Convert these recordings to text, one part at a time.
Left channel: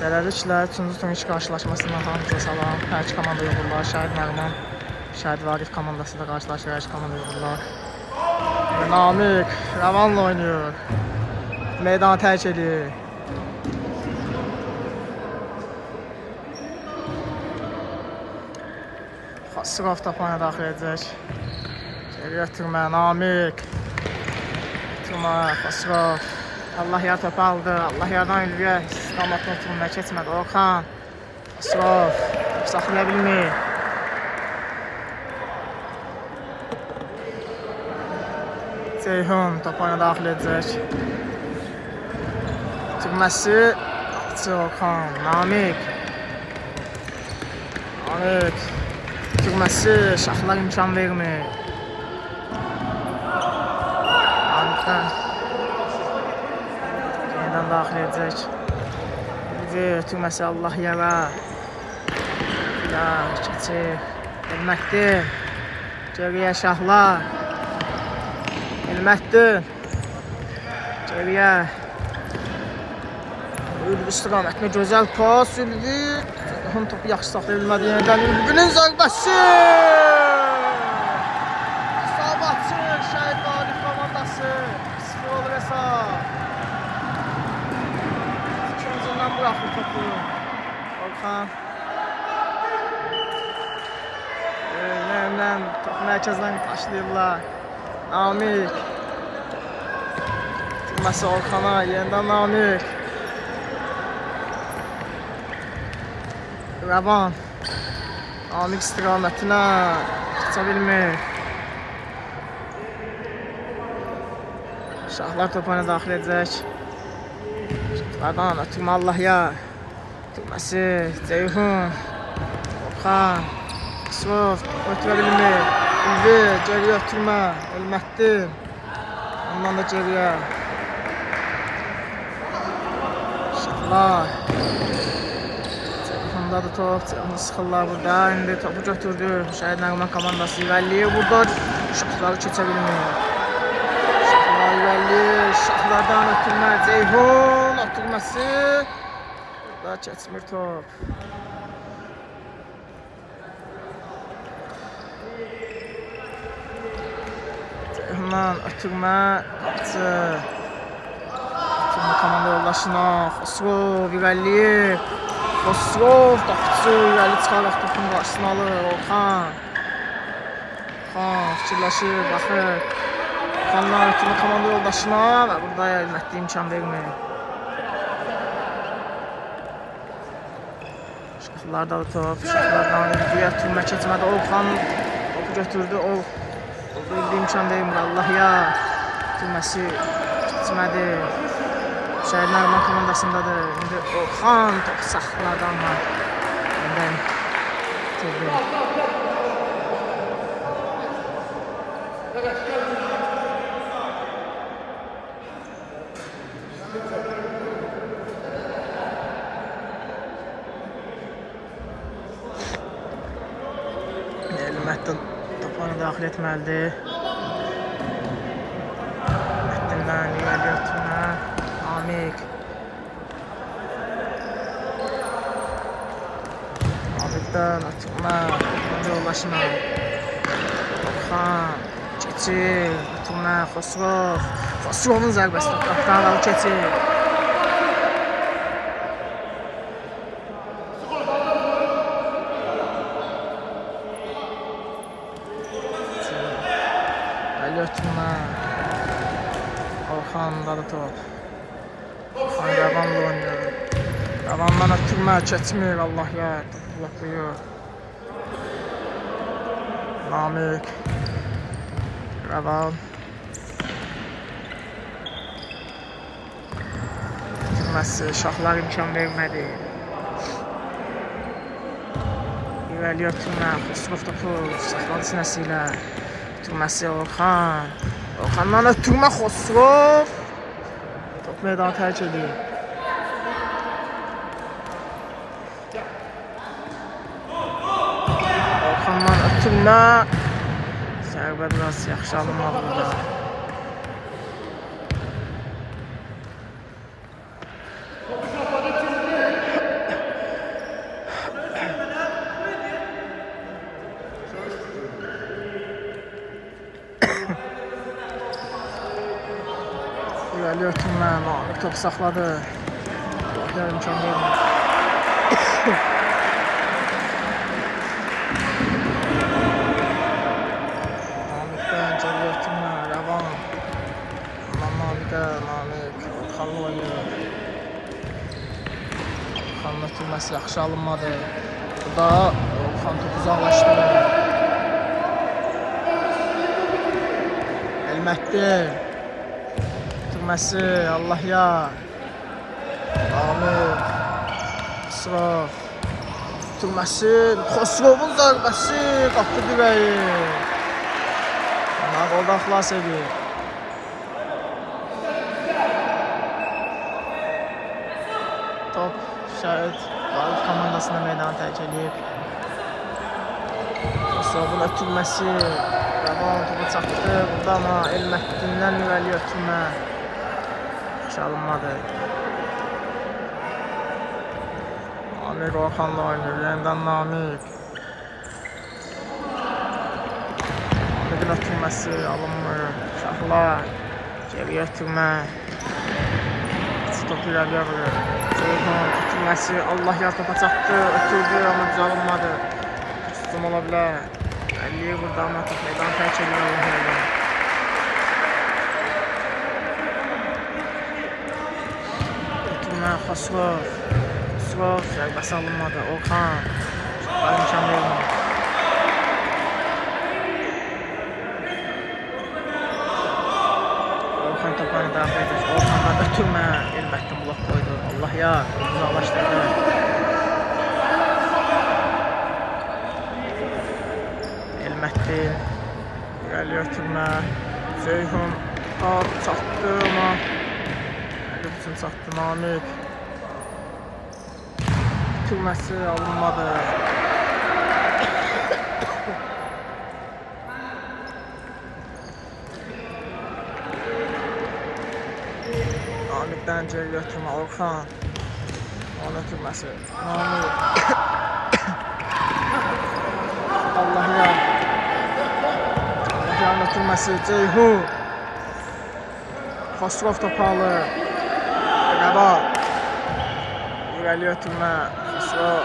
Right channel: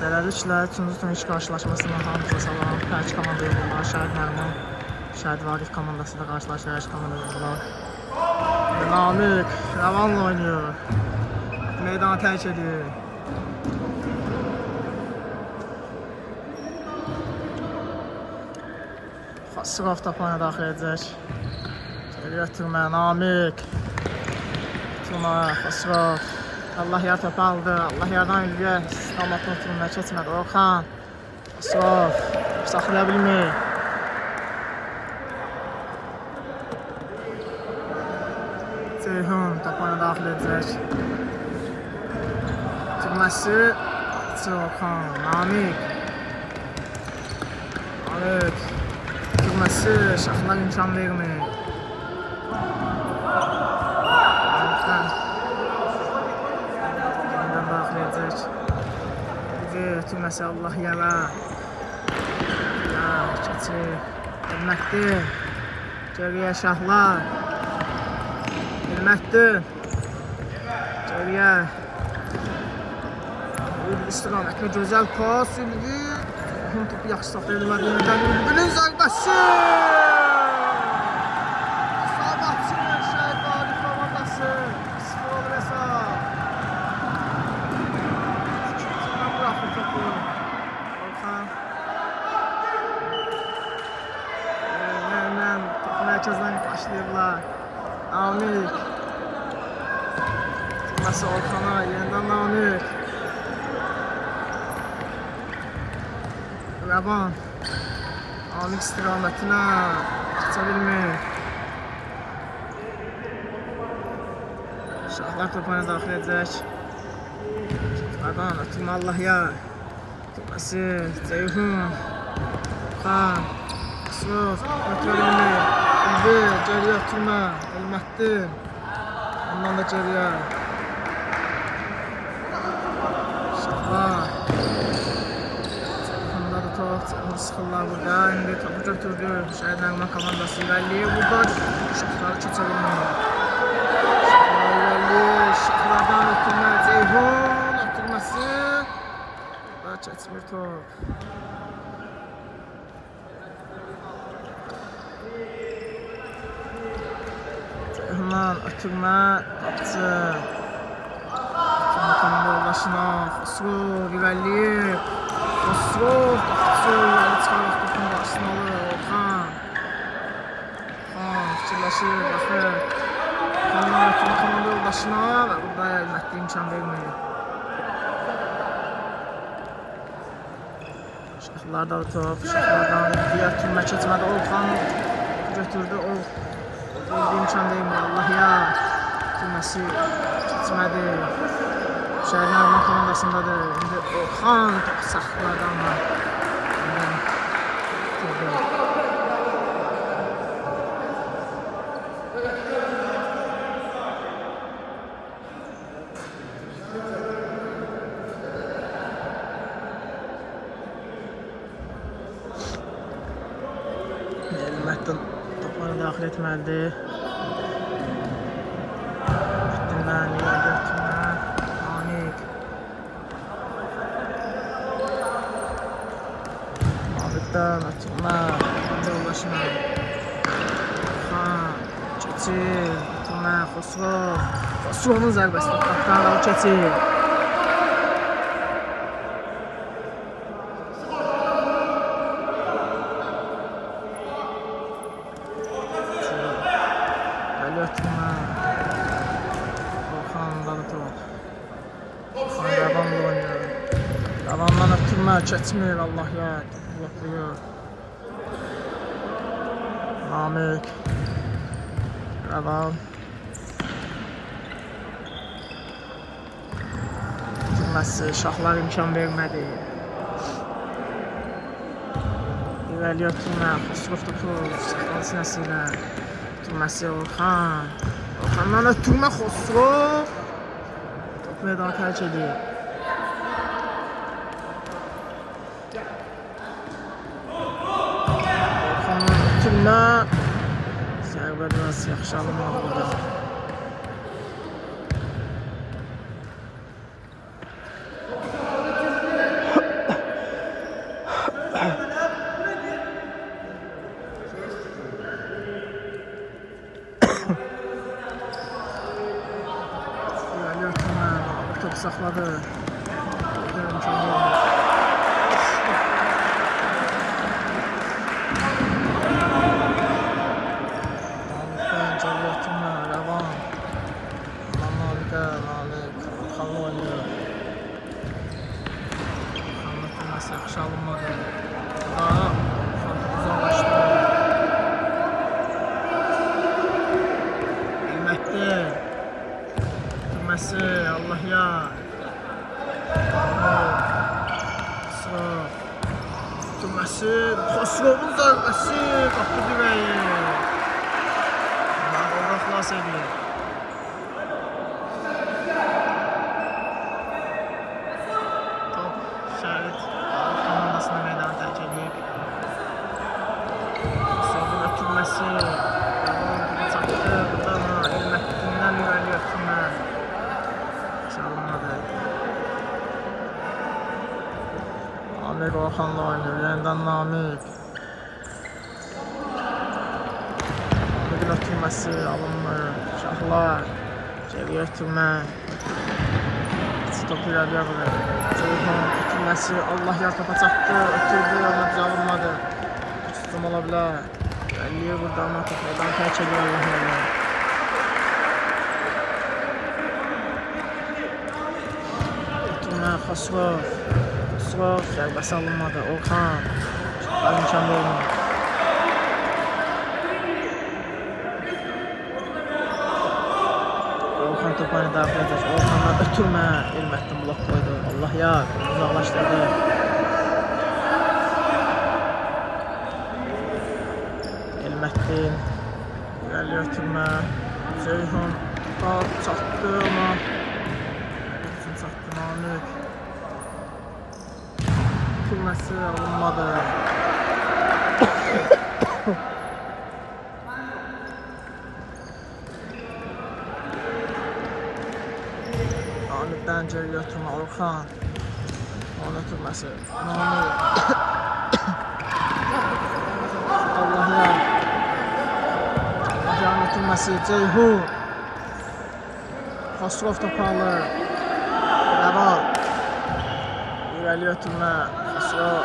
Beləliklə, 3-cü turniş qarşılaşmasından hamıza salam. Hər iki komanda uğurlar. Şəhid Nəğman, Şəhid Vaqif komandası da qarşılaşır. Hər iki komanda uğurlar. Namiq Rəvanla oynayır. Meydanı tərk edir. Xosrov topanı daxil edəcək. Geri ötürmə, Namiq. Ötürmə, Xosrov. Allah yar topu aldı. Allah yardan Ülviyə istiqamətini oturmaya keçmədi. Orxan. Xosrov. Saxlaya bilmir. Ceyhun topanı daxil edəcək. Türməsi. Qapıcı Orxan. Namiq. Namiq. Türməsi. Şaxlar imkan vermir. Namiqdən. Yeniden daxil edəcək. Türməsi Allah yara. Ya keçir. Elmətdir. Geriyə Şahlar. Elmətdir. Geriyə. Ülvi istiqamətlə gözəl pas. Ülvi. Onun topu yaxşı saxlaya bilmədi. Yeniden Ülvinin zərbəsi. İsabatçı Şəhid Vaqif komandası. 0 olur hesab. İkincindən bıraxır topu. Orxan. Yeniden topu mərkəzdən başlayırlar. Namiq. Türməsi Orxana. Yeniden Namiq. Rəvan. Namiq istiqamətinə keçə bilmir. Şahlar topanı daxil edəcək. Şahlardan ötürmə Allah yar. Türməsi Ceyhun. Orxan. Xosrov ötürə bilmir. Ülvi geriyə ötürmə. Elmətdir. Ondan da geriyə. Şahlar. Ceyhunda da top. Ceyhun sıxırlar burada. İndi topu götürdü. Şəhid Nəğman komandası irəliləyir. Burada şahları keçə bilmir. Şahlardan ötürmə, Ceyhun ötürməsi. Burada keçmir top. Ceyhundan ötürmə, qapıcı. Ötürmə komanda yoldaşına, Xosrov irəliyir. Xosrov qapıcı irəli çıxaraq topun qarşısını alır. Orxan. Orxan fikirləşir, baxır. Orxandan ötürmə komanda yoldaşına və burada Elmətli imkan vermir. Şahlarda top, Şahlardan Ülviyə ötürmə keçmədi. Orxan topu götürdü. Ülvi imkan vermir. Allah yar. Ötürməsi keçmədi. Şəhid Nəğman komandasındadır. İndi Orxan topu saxlardan var. İndən götürdü. Elmətdən topanı daxil etməlidir. Elmətdindən irəli ötürmə. Namiq. Namiqdən ötürmə. Yoldaşına. Orxan. Keçir. Ötürmə. Xosrov. Xosrovun zərbəsi toprakdan qalıb keçir. Ötürmə. Orxanda da top. Orxan Rəvanla oynayır. Rəvandan ötürmə keçmir. Allah yar. Topu bloklayır. Namiq. Rəvan. Ötürməsi. Şahlar imkan vermədi. İrəli ötürmə. Xosrov topu saxladı sinəsi ilə. Ötürməsi Orxan. Orxandan ötürmə Xosrov. Top meydanı tərk edir. Orxandan ötürmə. Zərbə biraz yaxşı alınmadı burada. Namik saxladı. Görün imkan vermir. Namik'ten geri ötürmə, rəvan. Namik'ə, Namik Orxanla oynuyor. Orxanın ötürməsi yaxşı alınmadı. Burada Orxan topu uzaqlaşdı. Elməkdi. Ötürməsi, Allah yar. Namik. Xosrov. Ötürməsi, Xosrovun zərbəsi. Qapı dirəyi. Oradan xilas edir. Top Şəhid Qalib komandasına meydana tərk edir. Xosrovun ötürməsi. Rəvan topu çatdı. Burada ama Elməkdindən irəli ötürmə. Çalınmadı. Namik Orxanla oynayır. Yenidən Namik. Namik'in ötürməsi alınmır. Şahlar. Geriyə ötürmə. Top irəliyə vurur. Ceyhun ötürməsi. Allah yar topa çatdı. Ötürdü ama düz alınmadı. Tutum ola bilər. Əlliyə vurdu ama top meydan tərk edir. Allah yar. Ötürmə Xosrov. Xosrov zərbəsi alınmadı. Orxan. Şahlar imkan vermir. Orxan toplarını daxil edəcək. Orxandan ötürmə. Elməkdən blok koydu. Allah yar. Uzaqlaşdırdı. Elməkdin. İrəli ötürmə. Ceyhun. Top çatdı ama. Üçün çatdı Namik. Ötürməsi alınmadı. Namik'ten geri ötürmə Orxan. Onun ötürməsi Namik. Allah yar. Allah yarın ötürməsi Ceyhun. Xosrov topu alır. Rəvan. İrəli ötürmə Xosrov.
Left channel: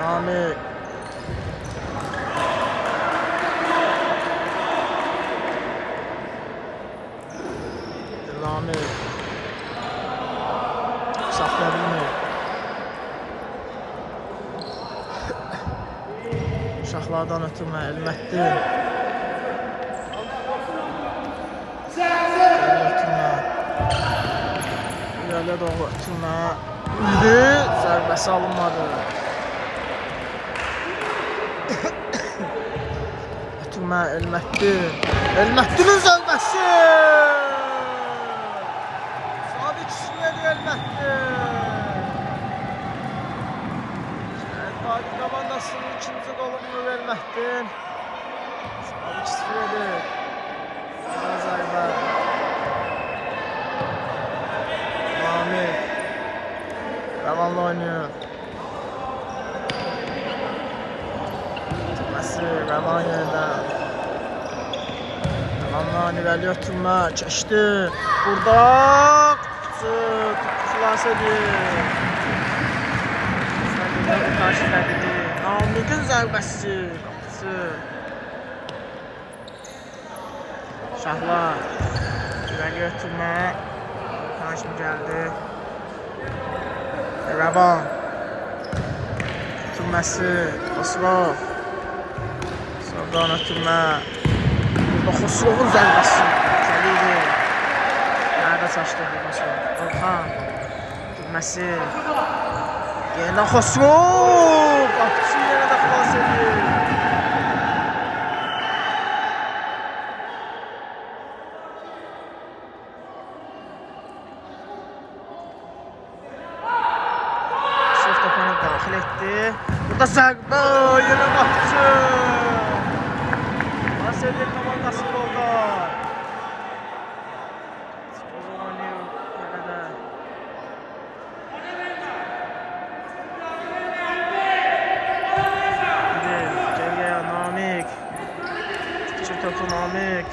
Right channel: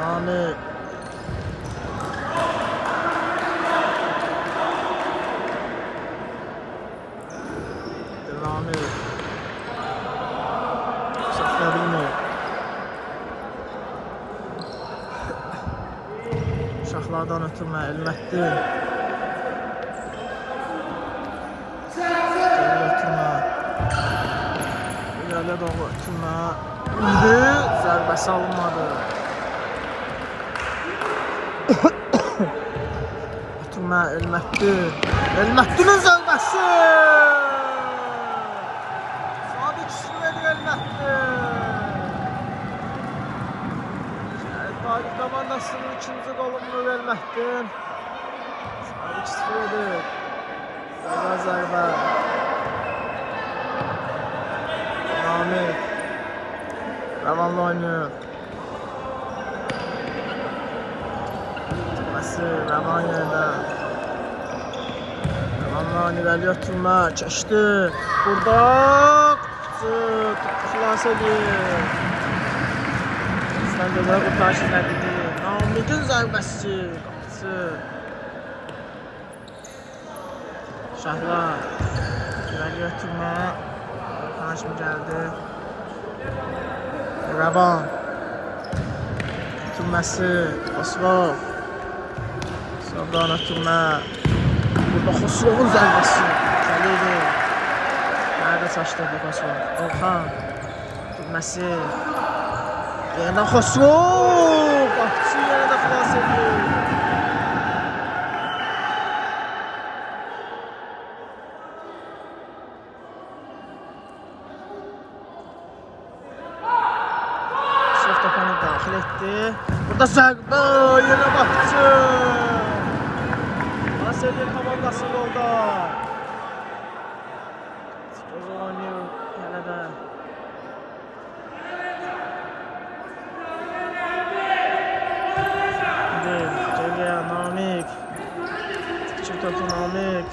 Namik. Namik. Saxlaya bilmir. Şahlardan ötürmə Elməkdin. Geri ötürmə. İrəliyə doğru ötürmə. İndi zərbəsi alınmadı. Ötürmə Elməkdin. Elməkdinin zərbəsi. Qalib komandasının ikinci golunu verməkdir. Sabit 0 edir. Güzel zərbə. Namik. Rəvanla oynayır. Tutması Rəvan yerindən. Rəvanla irəli ötürmə. Keçdi. Burada. Xilas edir. Gözəl qurtarış elədi. Namik'in zərbəsi. Qapısı. Şahlar. İrəli ötürmə. Orxan kimi gəldi. Rəvan. Ötürməsi. Xosrov. Xosrovdan ötürmə. Burada Xosrovun zərbəsi. Gəliydi. Nerede çaşdı bu Xosrov? Orxan. Ötürməsi. Yeniden Xosrov! Qapıçı yenə də xilas edir. Xosrov topanı daxil etdi. Burada zərbə, yenə Qapıçı. Xilas edir komandası golda. Futbol oynayır yenə də. Namik. Çık topu Namik.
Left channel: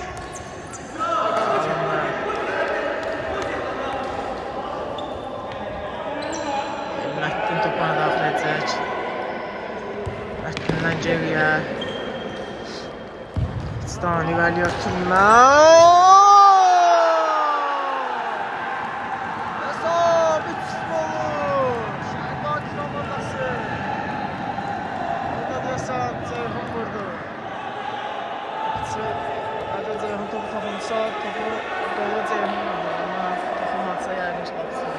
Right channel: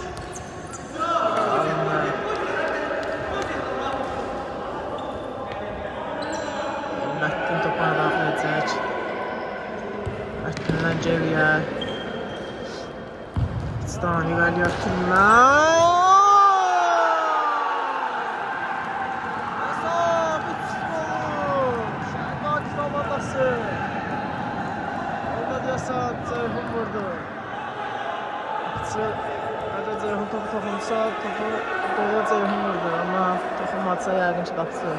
Məttin topuna daxil edəcək. Məttindən geriyə. İçdən irəliyə Türkmen. Hesab 3-0. Şəhidlar komandası. Orada deyəsən Ceyhun vurdu. Əgər Ceyhun topu toxunsa, topu qolu Ceyhun vurdu. Amma toxunmadsa yəqin ki, qapısı.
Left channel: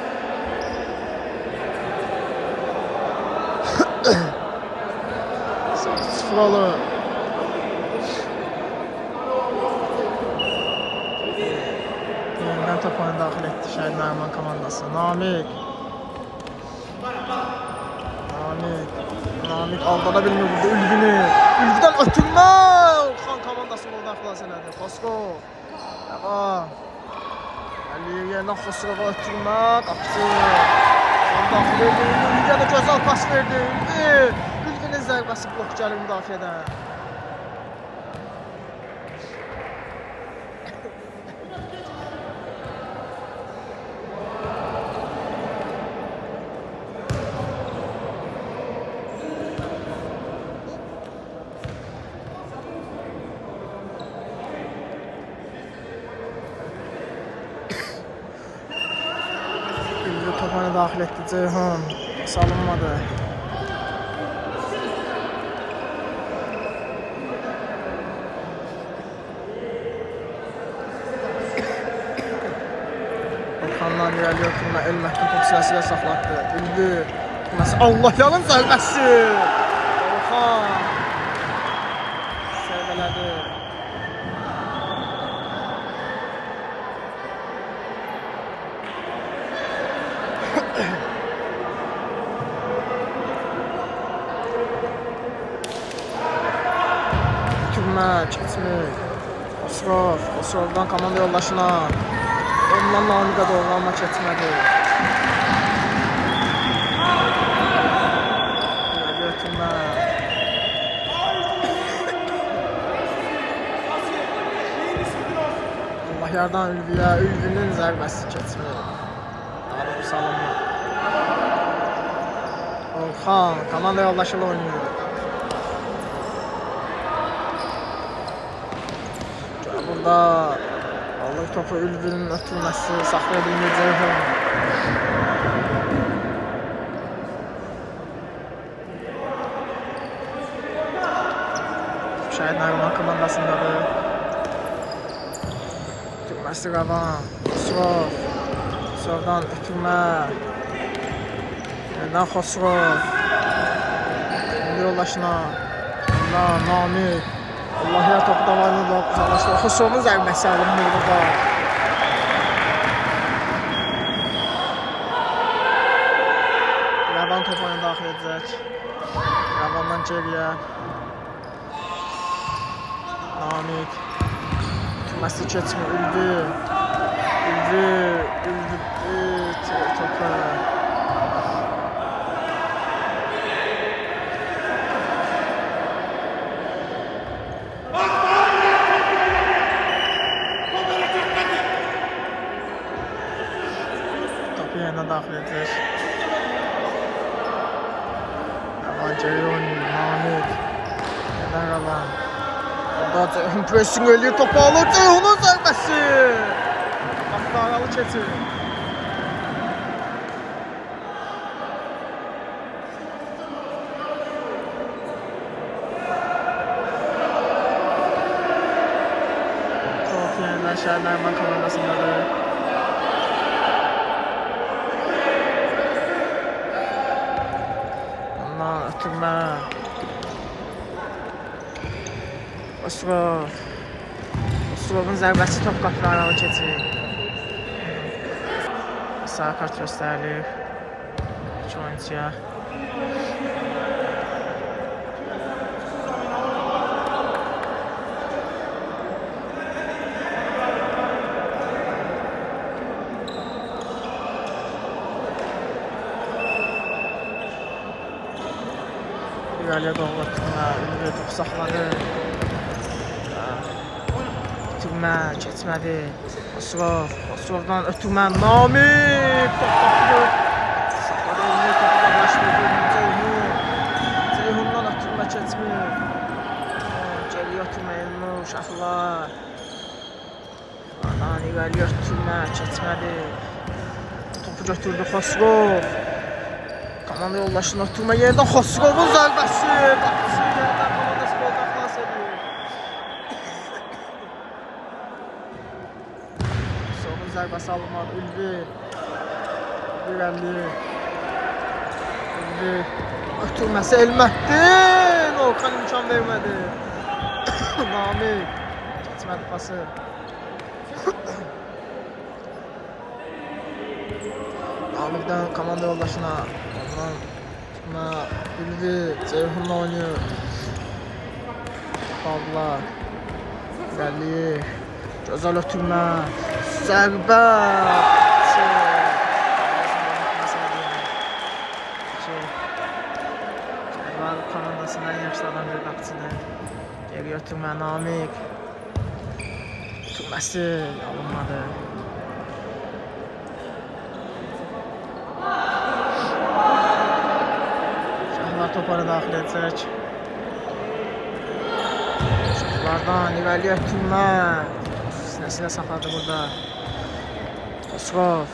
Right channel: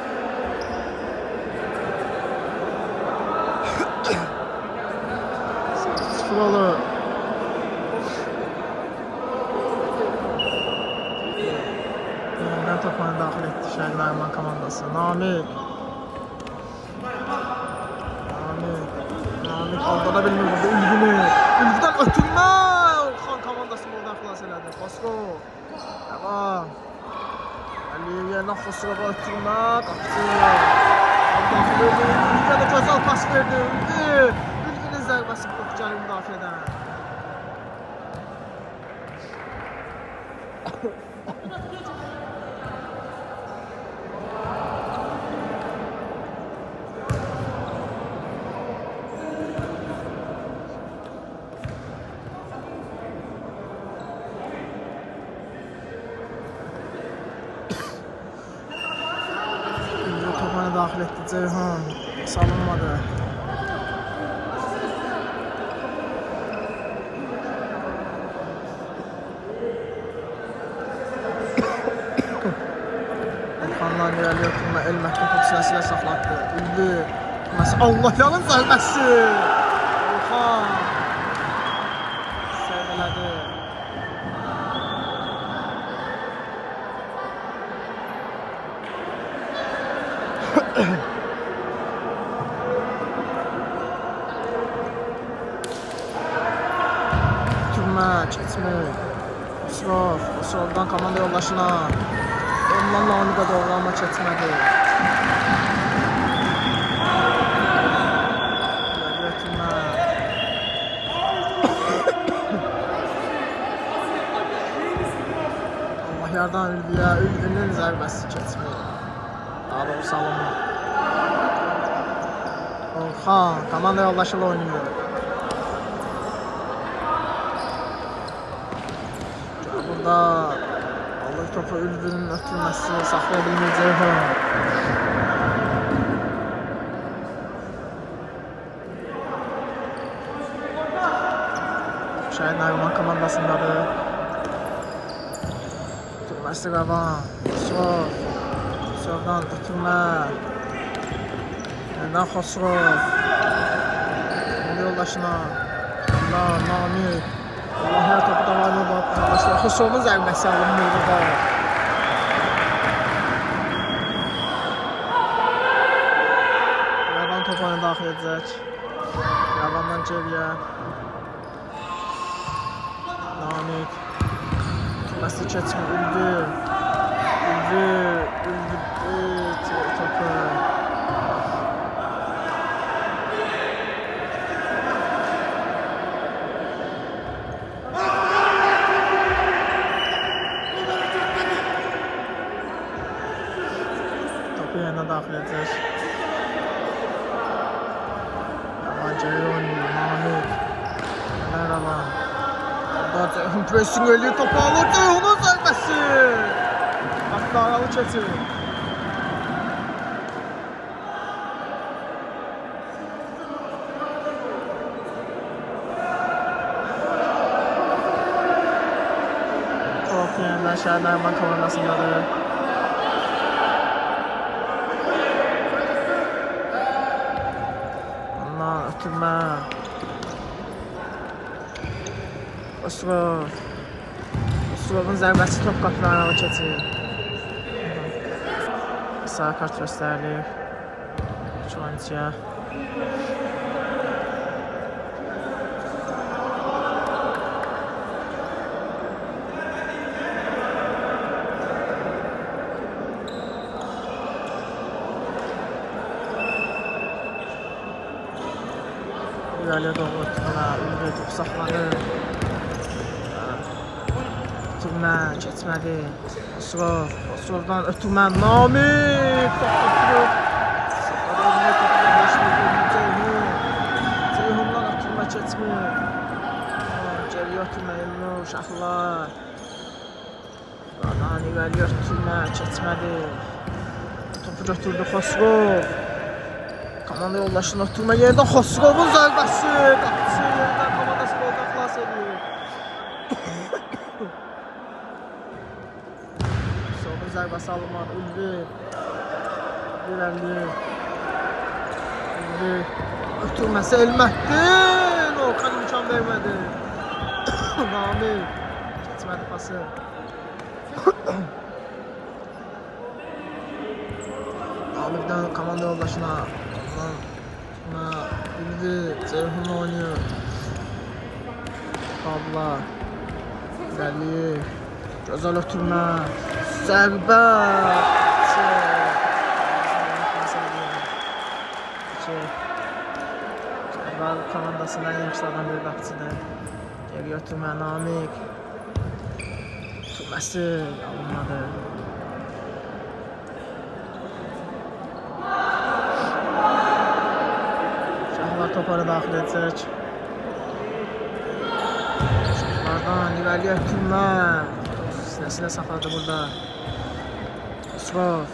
Sıfıralı. Yenidən topunu daxil etdi Şəhid Nəriman komandası. Namik aldada bilmir burada Ülvini. Ülvidən ötürmə. Xan komandası buradan xilas elədi. Xosrov. Devam. Əliyev yerindən Xosrova ötürmə. Qapısı. Daxil edildi. Ülviyə də gözəl pas verdi. Ülvinin zərbəsi blok gəlir müdafiədən. Topunu daxil etdi Ceyhun. Salınmadı. Orxandan irəliyə oturma Elməttin top siləsilə saxlatdı. Ülvi. Allah yanın zərbəsi. Orxan. Sərvələdi. Türkmen keçmək. Xosrovdan komanda yoldaşına. Ondan Namiqə doğru amma keçmədi. İrəliyə Türkmen. Allah yardan Ülviyə. Ülvinin zərbəsi keçmək. Daha doğrusu salınma. Orxan komanda yoldaşıyla oynayır. Burada alır topu Ülvinin ötürməsi saxlaya bilmir Ceyhun. Şəhid Nəriman komandasındadır. Ötürməsi Qavan. Xosrovdan ötürmə. Yenidən Xosrov. Komanda yoldaşına. Ondan Namik. Allah ya topu da var mı arkadaşlar? Xosrovun zərbəsi alınmır burada. Qavan topunu daxil edəcək. Qavandan geriyə. Namik. Tutması keçmir. Ülvi topu. Yerinə daxil edəcək. Qavan geri oynayır. Namik. Yenidən Qavan. Orada Ceyhun pressing eləyir. Topu alır. Ceyhunun zərbəsi. Qapıqaralı keçir. Top yenidən Şəhid Nəriman komandasındadır. Ötürmə. Xosrovun zərbəsi top qapıqaralı keçir. Sarı kart göstərilir. İki oyuncuya. İrəliyə doğru Türkmə, Ülvi topu saxladı. Türkmə keçmədi. Xosrovdan Türkmə, Namik top qapırıb. Saxladı Ülvi topu da keçmir. Geriye oturma Elnur, uşaqlar. Lan irəli ötürmə, keçmədi. Topu götürdü Xosrov. Komanda yoldaşını oturma yerdən Xosrovun zərbəsi. Qapısı yerdən komandası goldan xilas edir. Xosrovun zərbəsi alınmadı. Ülvi. İrəli. Ülvi. Ötürməsi Elmətdin. Orxan imkan vermədi. Namik. Keçmədi pası. Namik'den komanda yoldaşına. Ondan sonra Ülvi Ceyhun'la oynuyor. Kaldılar. İlerliyor. Güzel ötürmə. Zərbə. Zərbə komandasından yaxşılardan bir qapıcıdır. Geri ötürmə Namik. Ötürməsi alınmadı. Şahlar toparı daxil edəcək. Şahlardan irəliyə ötürmə. Sinəsilə saxladı burada. Xosrov.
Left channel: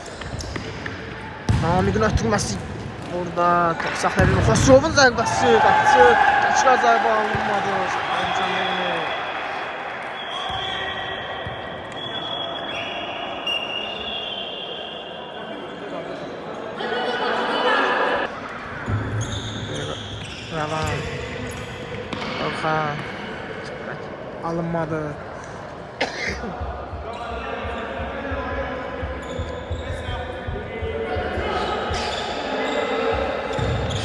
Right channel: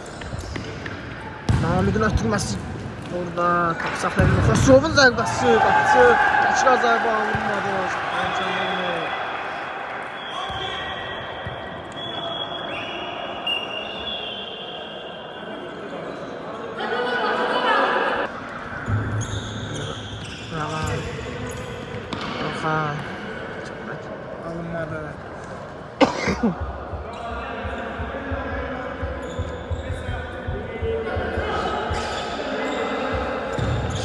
Namik'in ötürməsi burada. Top saxlayabilir. Xosrovun zərbəsi. Qapıcı. Təkrar zərbə alınmadı. İmkan vermir. Ravan. Orxan. Alınmadı.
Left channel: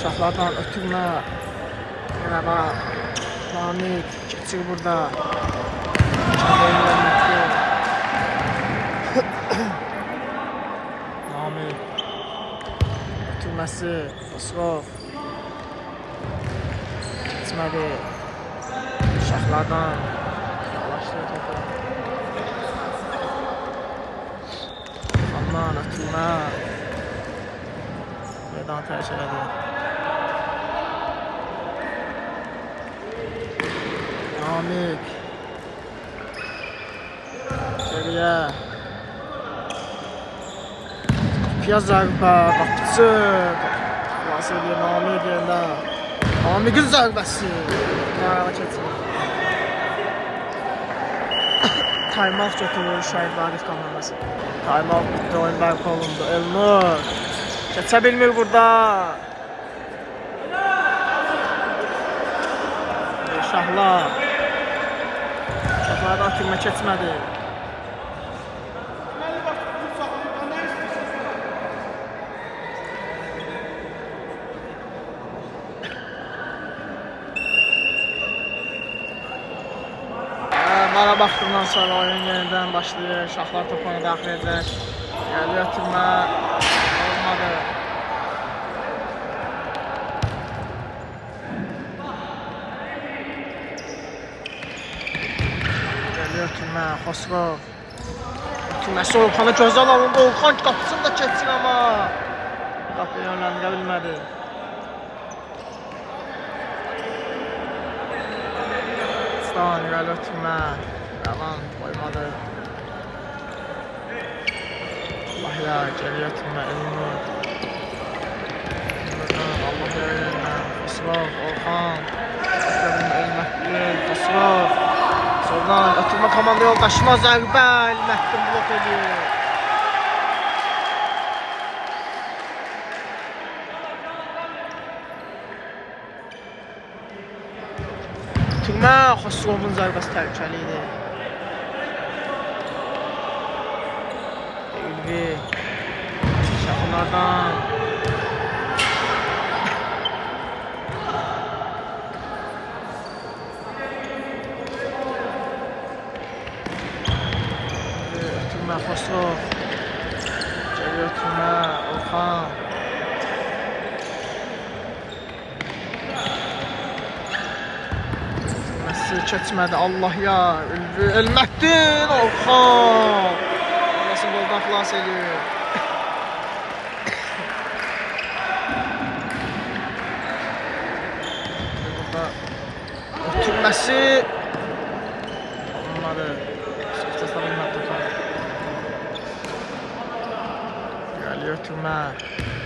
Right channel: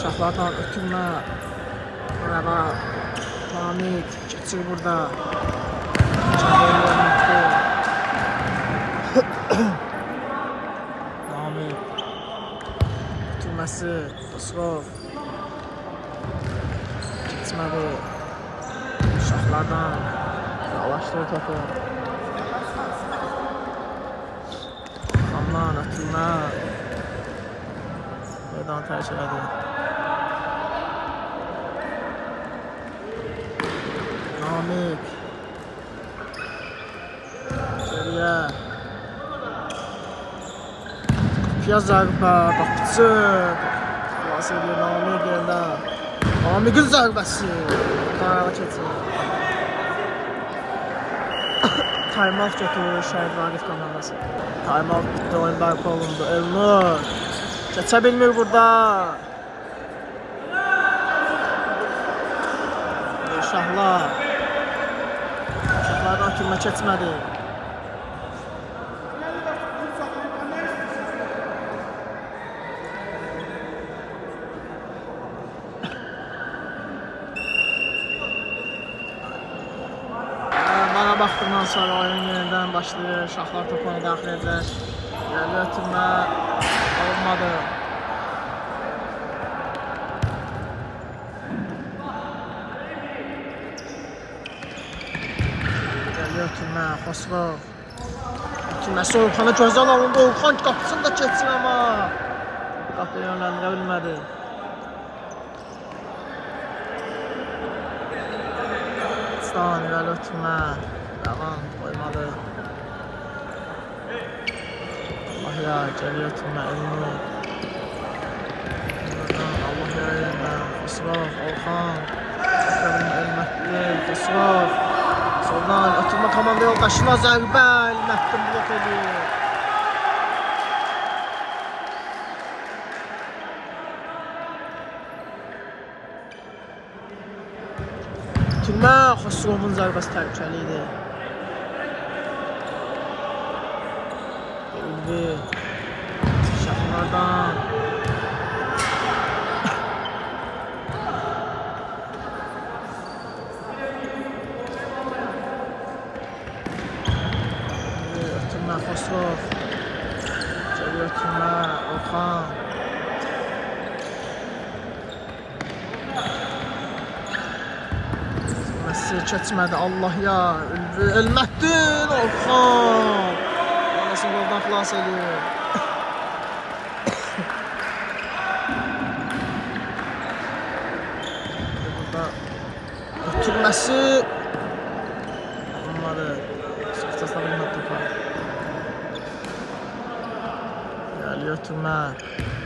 Şahlardan ötürmə. Merhaba. Namik. Geçir burada. Namik. Ötürməsi. Xosrov. Geçmedi. Şahlardan yavaşlıyor topu. Ondan ötürmə. Meydan tərk elədi. Namik. Geriye. Kapıya zərbə. Qapıcı. Xilas edir Namik yerdə. Namik'in zərbəsi. Qarağa keçir. Time-out götürür Şəhid Vaqif komandası. Time-out bitti, oyun bərpa olundu. Elnur. Keçə bilmir burada. Şahlar. Şahlardan ötürmə keçmədi. Ara baxdıqdan sonra oyun yenidən başlayır. Şahlar topunu daxil edəcək. Gəlir ötürmə olmadı. Gəlir ötürmə Xosrov. Ötürməsi Orxana gözəl alındı. Orxan qapısını da keçsin amma qapıya yönləndirə bilmədi. Stan irəli ötürmə. Ravan qoymadı. Allah ya, geri ötürmə Elnur. Allah ya yerindən. Xosrov, Orxan. Elmətdin, Xosrov. Soldan ötürmə komanda yoldaşına zərbə. Elmətdin blok edir. Ötürmə Xosrovun zərbəsi təhlükəli idi. Ülvi. Şahlardan. Ötürmə Xosrov. Geri ötürmə Orxan. Keçmədi. Allah ya. Ülvi. Elmətdin. Orxan. Anasını goldan xilas edir. Burada Ötürmesi. Olmadı. Sıkıntısına bilmek topa. Geliyor ötürme.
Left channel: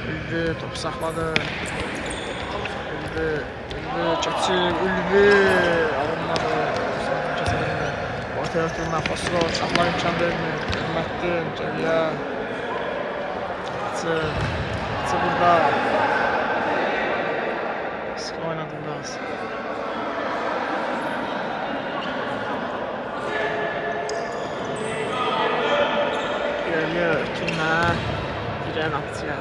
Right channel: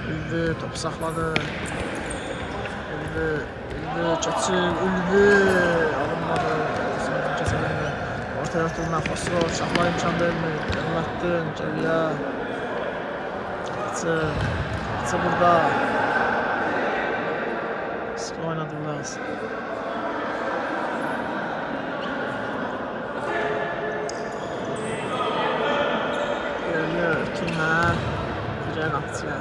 Ülvi topu sakladı. Ülvi çeçil. Ülvi. Alınmadı. Sanki kesilindi. Ortaya ötürme. Xosrov. Şahlar imkan vermiyor. Elmettin. Geliyor. Atı burada. Sıkı oynadılar. Geliyor ötürme. Güzel atıyor.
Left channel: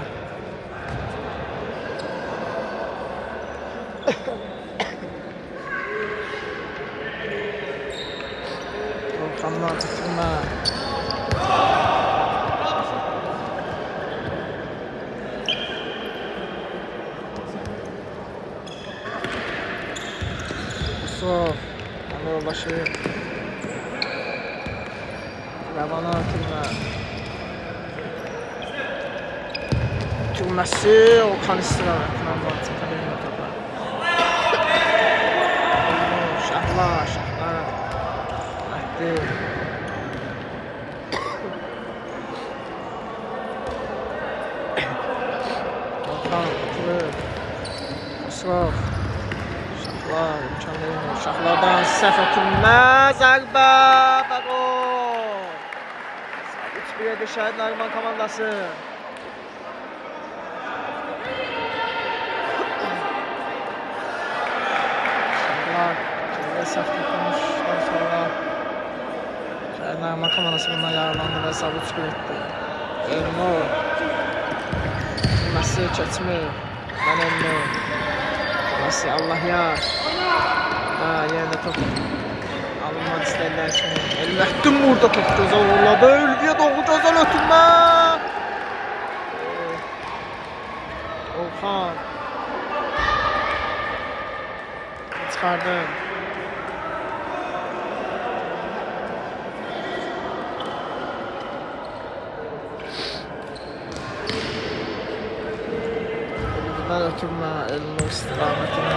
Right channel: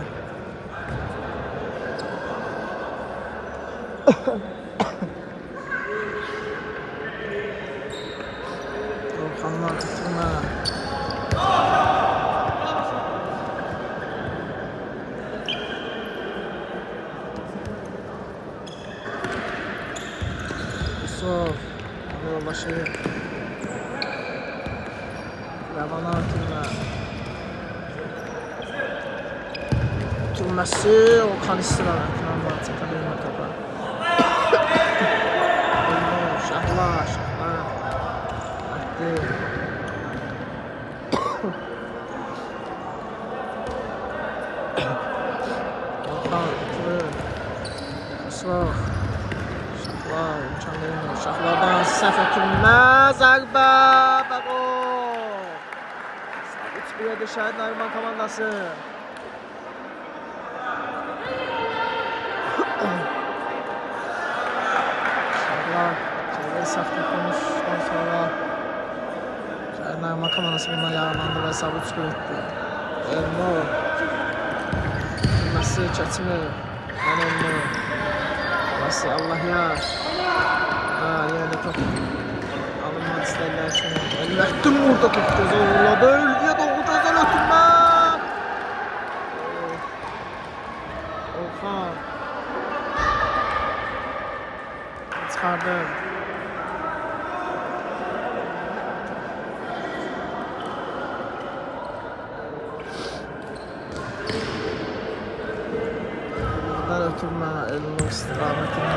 Volkanlar ötürme. Xosrov. Ona yoldaşı. Levana ötürme. Ötürmesi. Volkan istirahatından var. Çakabilme topa. Şahlar. Ahdi. Volkan ötürür. Xosrov. Şahlar imkan vermiyor. Şahlardan səhv ötürmə. Zərbə və gol. Sabit 3-1'e Şəhid Nəriman komandası. Şahlar səhv tutmuşdan sonra Şəhid Nəriman komandası bundan yararlandı və sabit 3-1 etdi. Elmo. Messi keçmir. Mən Elmo. Messi Allah yar. Yerdə top alınmaq istəyirlər üçün. Elməttin burada top gözə uğurladı. Ülviyə doğru gözəl ötürmə. Orxan. Çıxardı. Ülvidən ötürmə. Elmo istiqamətini.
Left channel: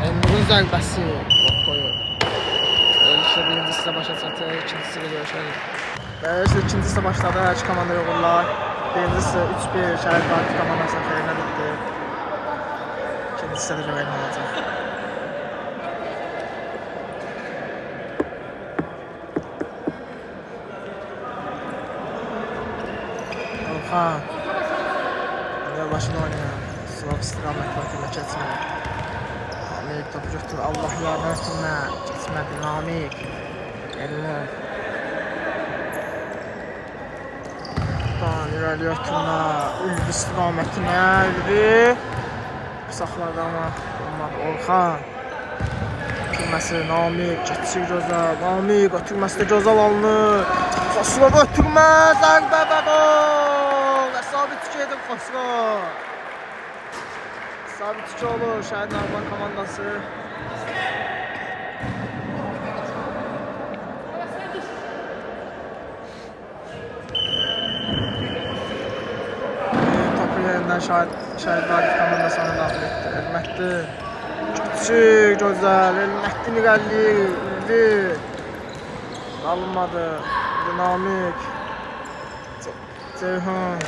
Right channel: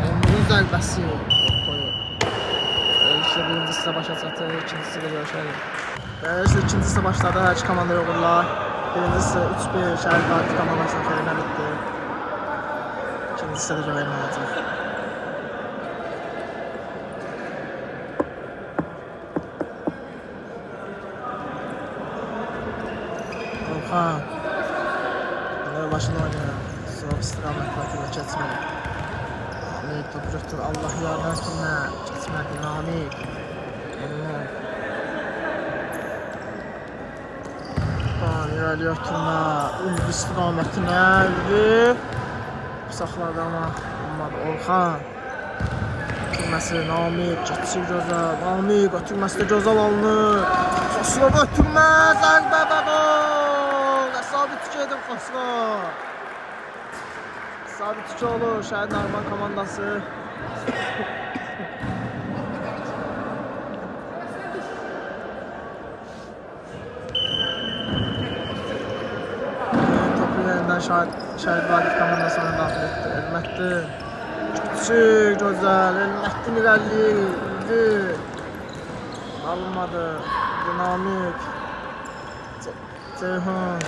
Elmo'nun zərbəsi koyuyor. İşte birinci sıra başa çatır, ikinci sıra görüşelim. Ve işte ikinci sıra başladı, her iki komanda yoxurlar. Birinci sıra 3-1 Şəhid Vakif komandasının xeyrinə bitti. İkinci sırada görelim olacaq. Orxan. Başını oynuyor. Sıra istiqamətlə ötürmə keçmir. Namik topu götür. Allah yarına ötürmə. Keçmədi Namik. Elmo. İrəliyə ötürmə. Ülvi istiqamətinə. Ülvi. Saxladı ama olmadı. Orxan. Ötürməsi Namik. Keçir gözəl. Namik ötürməsi də gözəl alınır. Xosrov ötürmə. Zərbə və gol. Sabit 2 edir Xosrov. Sabit 2 olur Şəhid Nəriman komandası. Topu yerindən Şəhid Vakif komandasına daxil etdi. Elməttin. Küçük, gözəl. Elməttin irəliyir. Ülvi. Alınmadı. Dinamik. Ceyhun.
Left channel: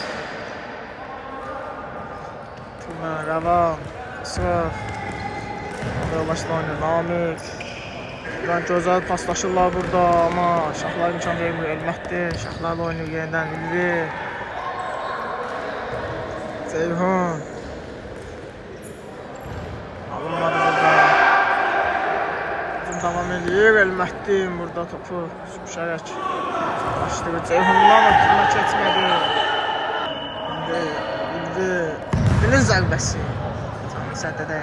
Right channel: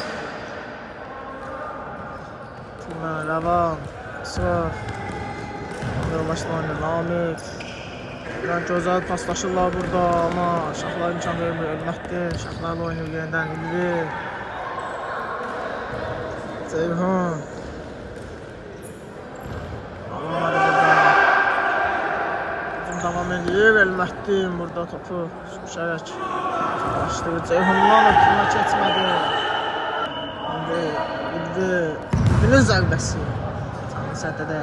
Rəvan. Xosrov. Başla oynayır. Namik. Gözəl paslaşırlar burada ama Şahlar imkan vermiyor. Elməttin. Şahlarla oynayır yerindən. Ülvi. Ceyhun. Alınmadı burada. Uzun devam ediyor. Elməttin burada topu sürüşərək başlayır. Ceyhundan ötürmə keçmədi. Ülvi. Ülvinin zərbəsi. Canlı səddədə.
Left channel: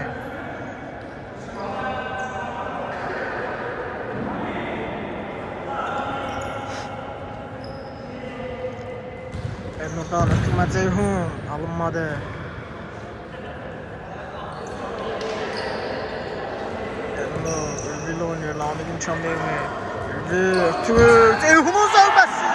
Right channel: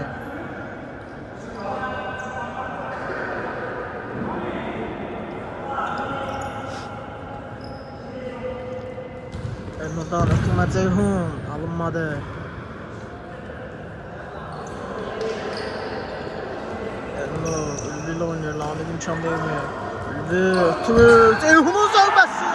Elno'dan ötürmə Ceyhun. Alınmadı. Elno Ülvi ile oynuyor. Namik imkan vermiyor. Ülvi ötürür. Ceyhun'un zərbəsi.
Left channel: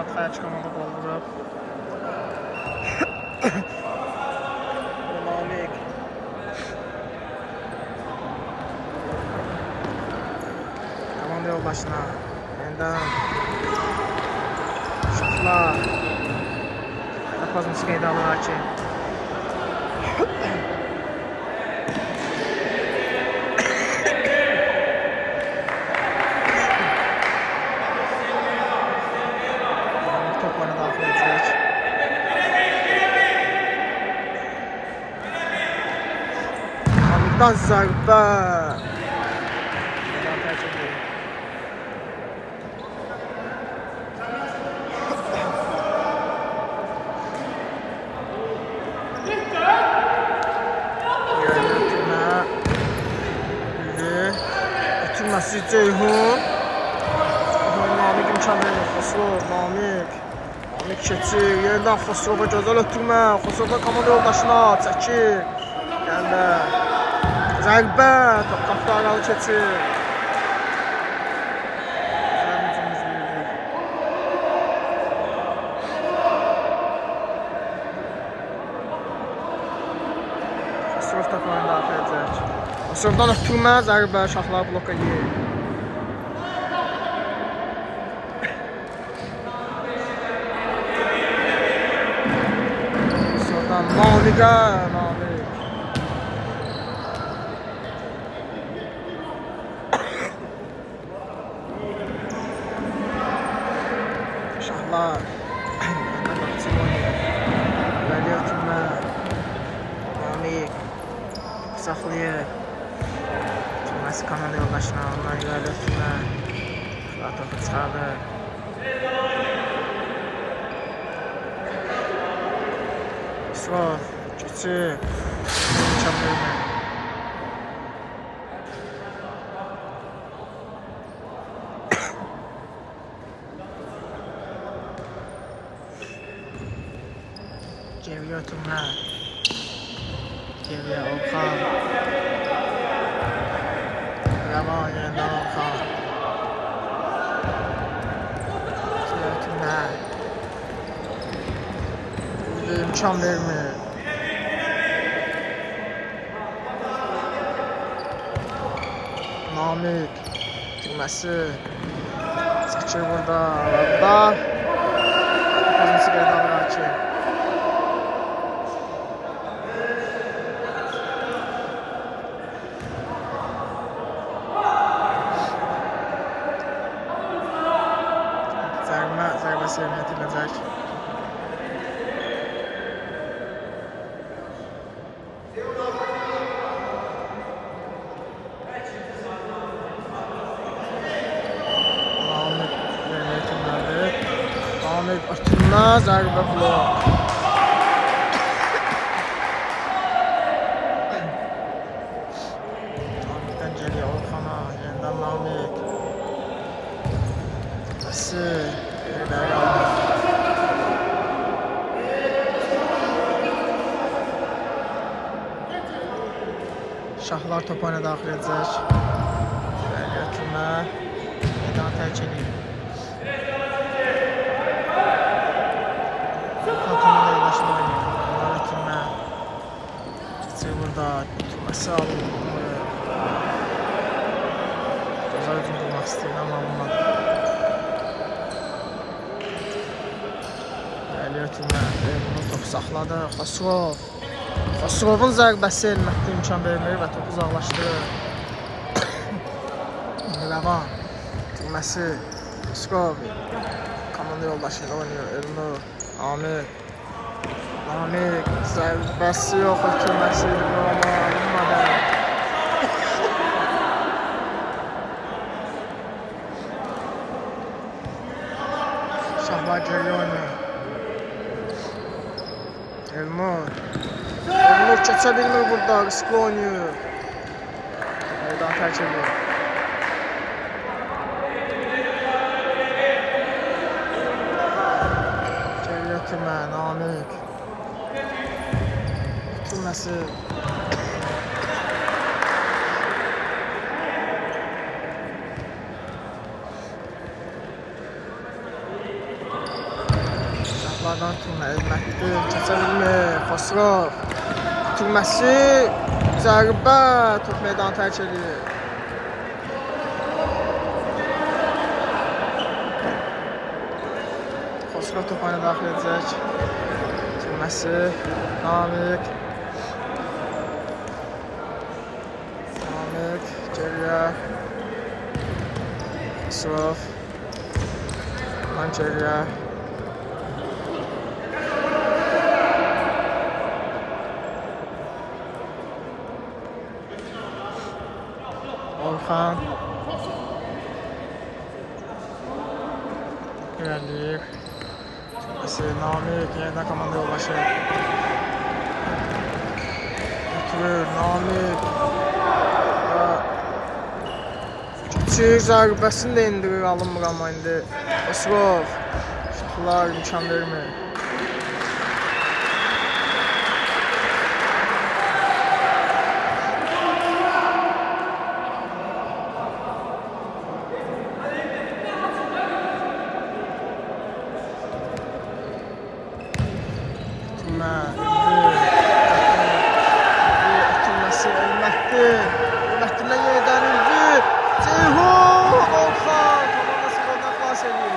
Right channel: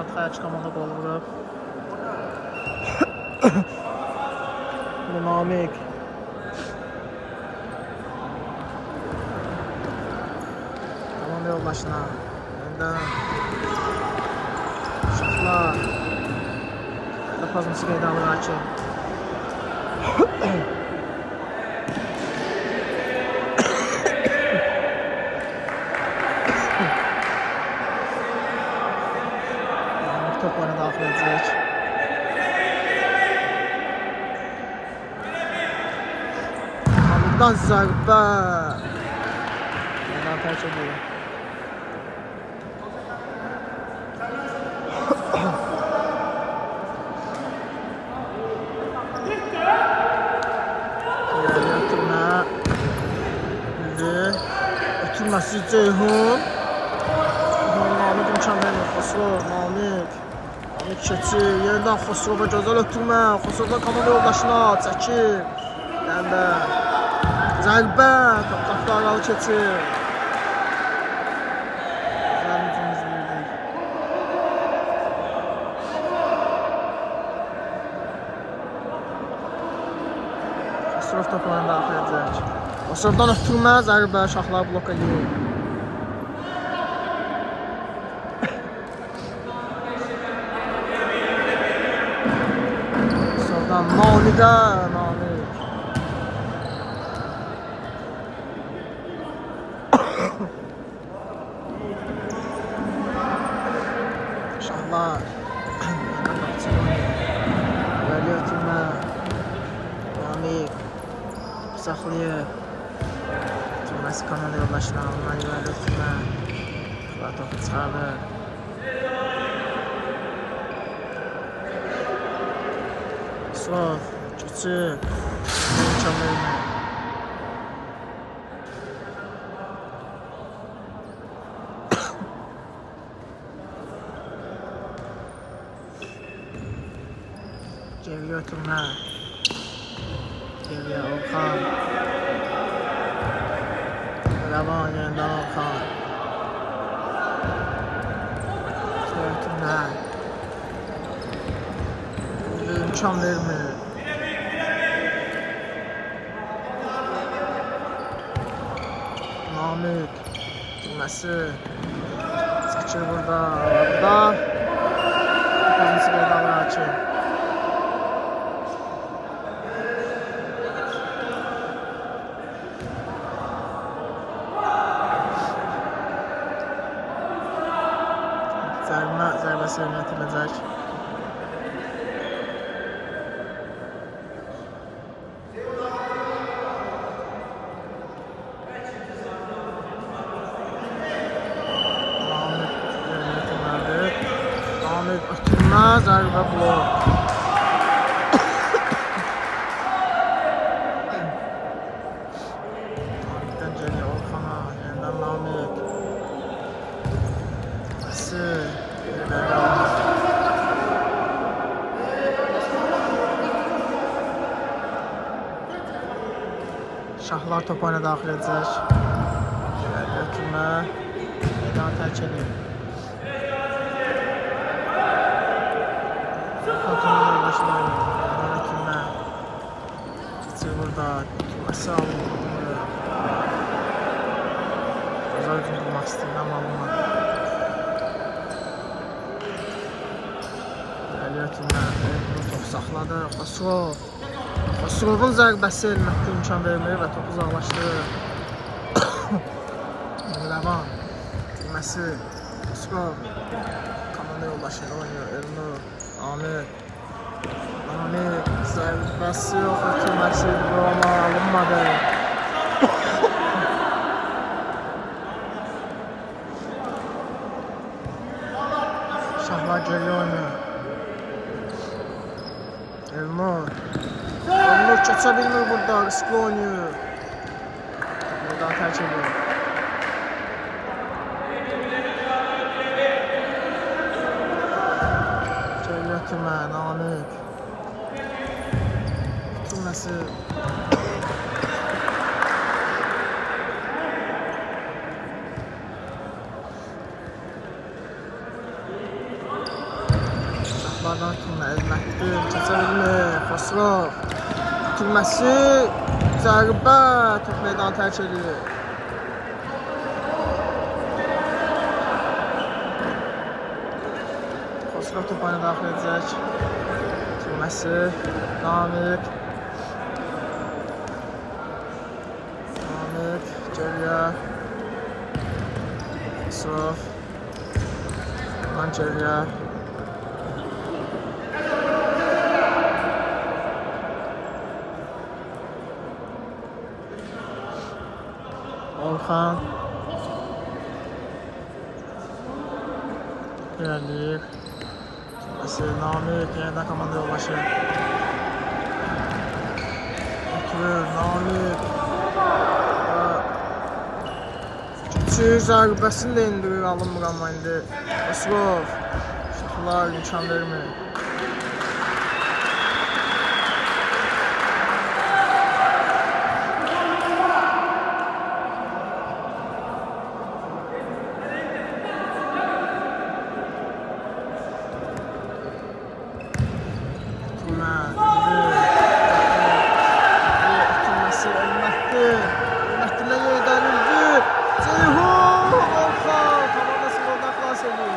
arxaya çıxamada qol vurub. Namik. Komanda yoldaşına. Yenidən. Uşaqlar. Pozmusu qeydə alır Hakim. Top oyuna daxil edəcək. Hamiddən zərbə. Meydan tərk edir. Ötürməsi Ceyhun. Namik imkan verir. Xosrov, Namik. Namik keçir. Yerindən Xosrova gözəl ötürmə. Xosrova komanda yoldaşına çəkir. Gəndə. Zərbə. Top qapı aralı keçir. Gözəl hücum izləyirdik. Xosrov top oyuna daxil edəcək. Xosrovdan ötürmə. Zərbə. Şahlar blok edir. Namik'e, Namik. Şahlar. Vəli ötürmə. Namik. Saxlayır. Ötürməsi komanda yoldaşına. Ondan vəli ötürmə. Şahlar topu çıxardır. Xosrov, keçir. İmkan vermə. Geriyə ötürmə. Geriyə Orxan. Rəvan yerindən Orxan. Geriyə ötürmə. İmkan vermir. Namik. Girməsi. Çəkir burada. Pozmusu qeydə alır Hakim. Zərbəsi yerinə yetiriləcək. Namik ötürmə, zərbə blok. Namikdən geriyə Orxana, yenidən Namik. Əsir, geriləri alır. Şahlar top oyuna daxil edəcək. Geriyə ötürmə, meydanı tərk edir. Komanda yoldaşına oynayır. Ötürmə. Keçir burada. Ötürməsi alınır. Gözəl hücum qurmaq istəyirdi, amma alınmadı. Gəlir ötürmə. Bunu topu saxladı. Xosrov. Xosrovun zərbəsi Elmətdə imkan vermir və topu uzaqlaşdırır. Rəvan. Ötürməsi. Xosrov. Komanda yoldaşıyla oynayır. Elnur. Namik. Namik. Zərbəsi yox, ötürməsi amma alınmadı. Şahlar geriyə oynayır. Elnur. Elnur keçə bilmir burada, riskli oynayır. Meydan tərk edir. Ötürmə, Namik. Ötürməsi. Şahlardan ötürmə Elmətli keçə bilmir. Xosrov ötürməsi zərbə top meydanı tərk edir. Xosrov top oyuna daxil edəcək. Ötürməsi Namik. Namik geriyə. Xosrov ondan geriyə. Orxan irəliyir. Namik yeniden komanda yolbaşı. Götürür Namik. Küçük zərbəsini də indirir, alınmır amma indi. Xosrov Şahlar imkan vermir. Ötürməsi Elmətli. Elmətlidən yenidən indi. Ceyhun Orxan komandası goldan xilas edir.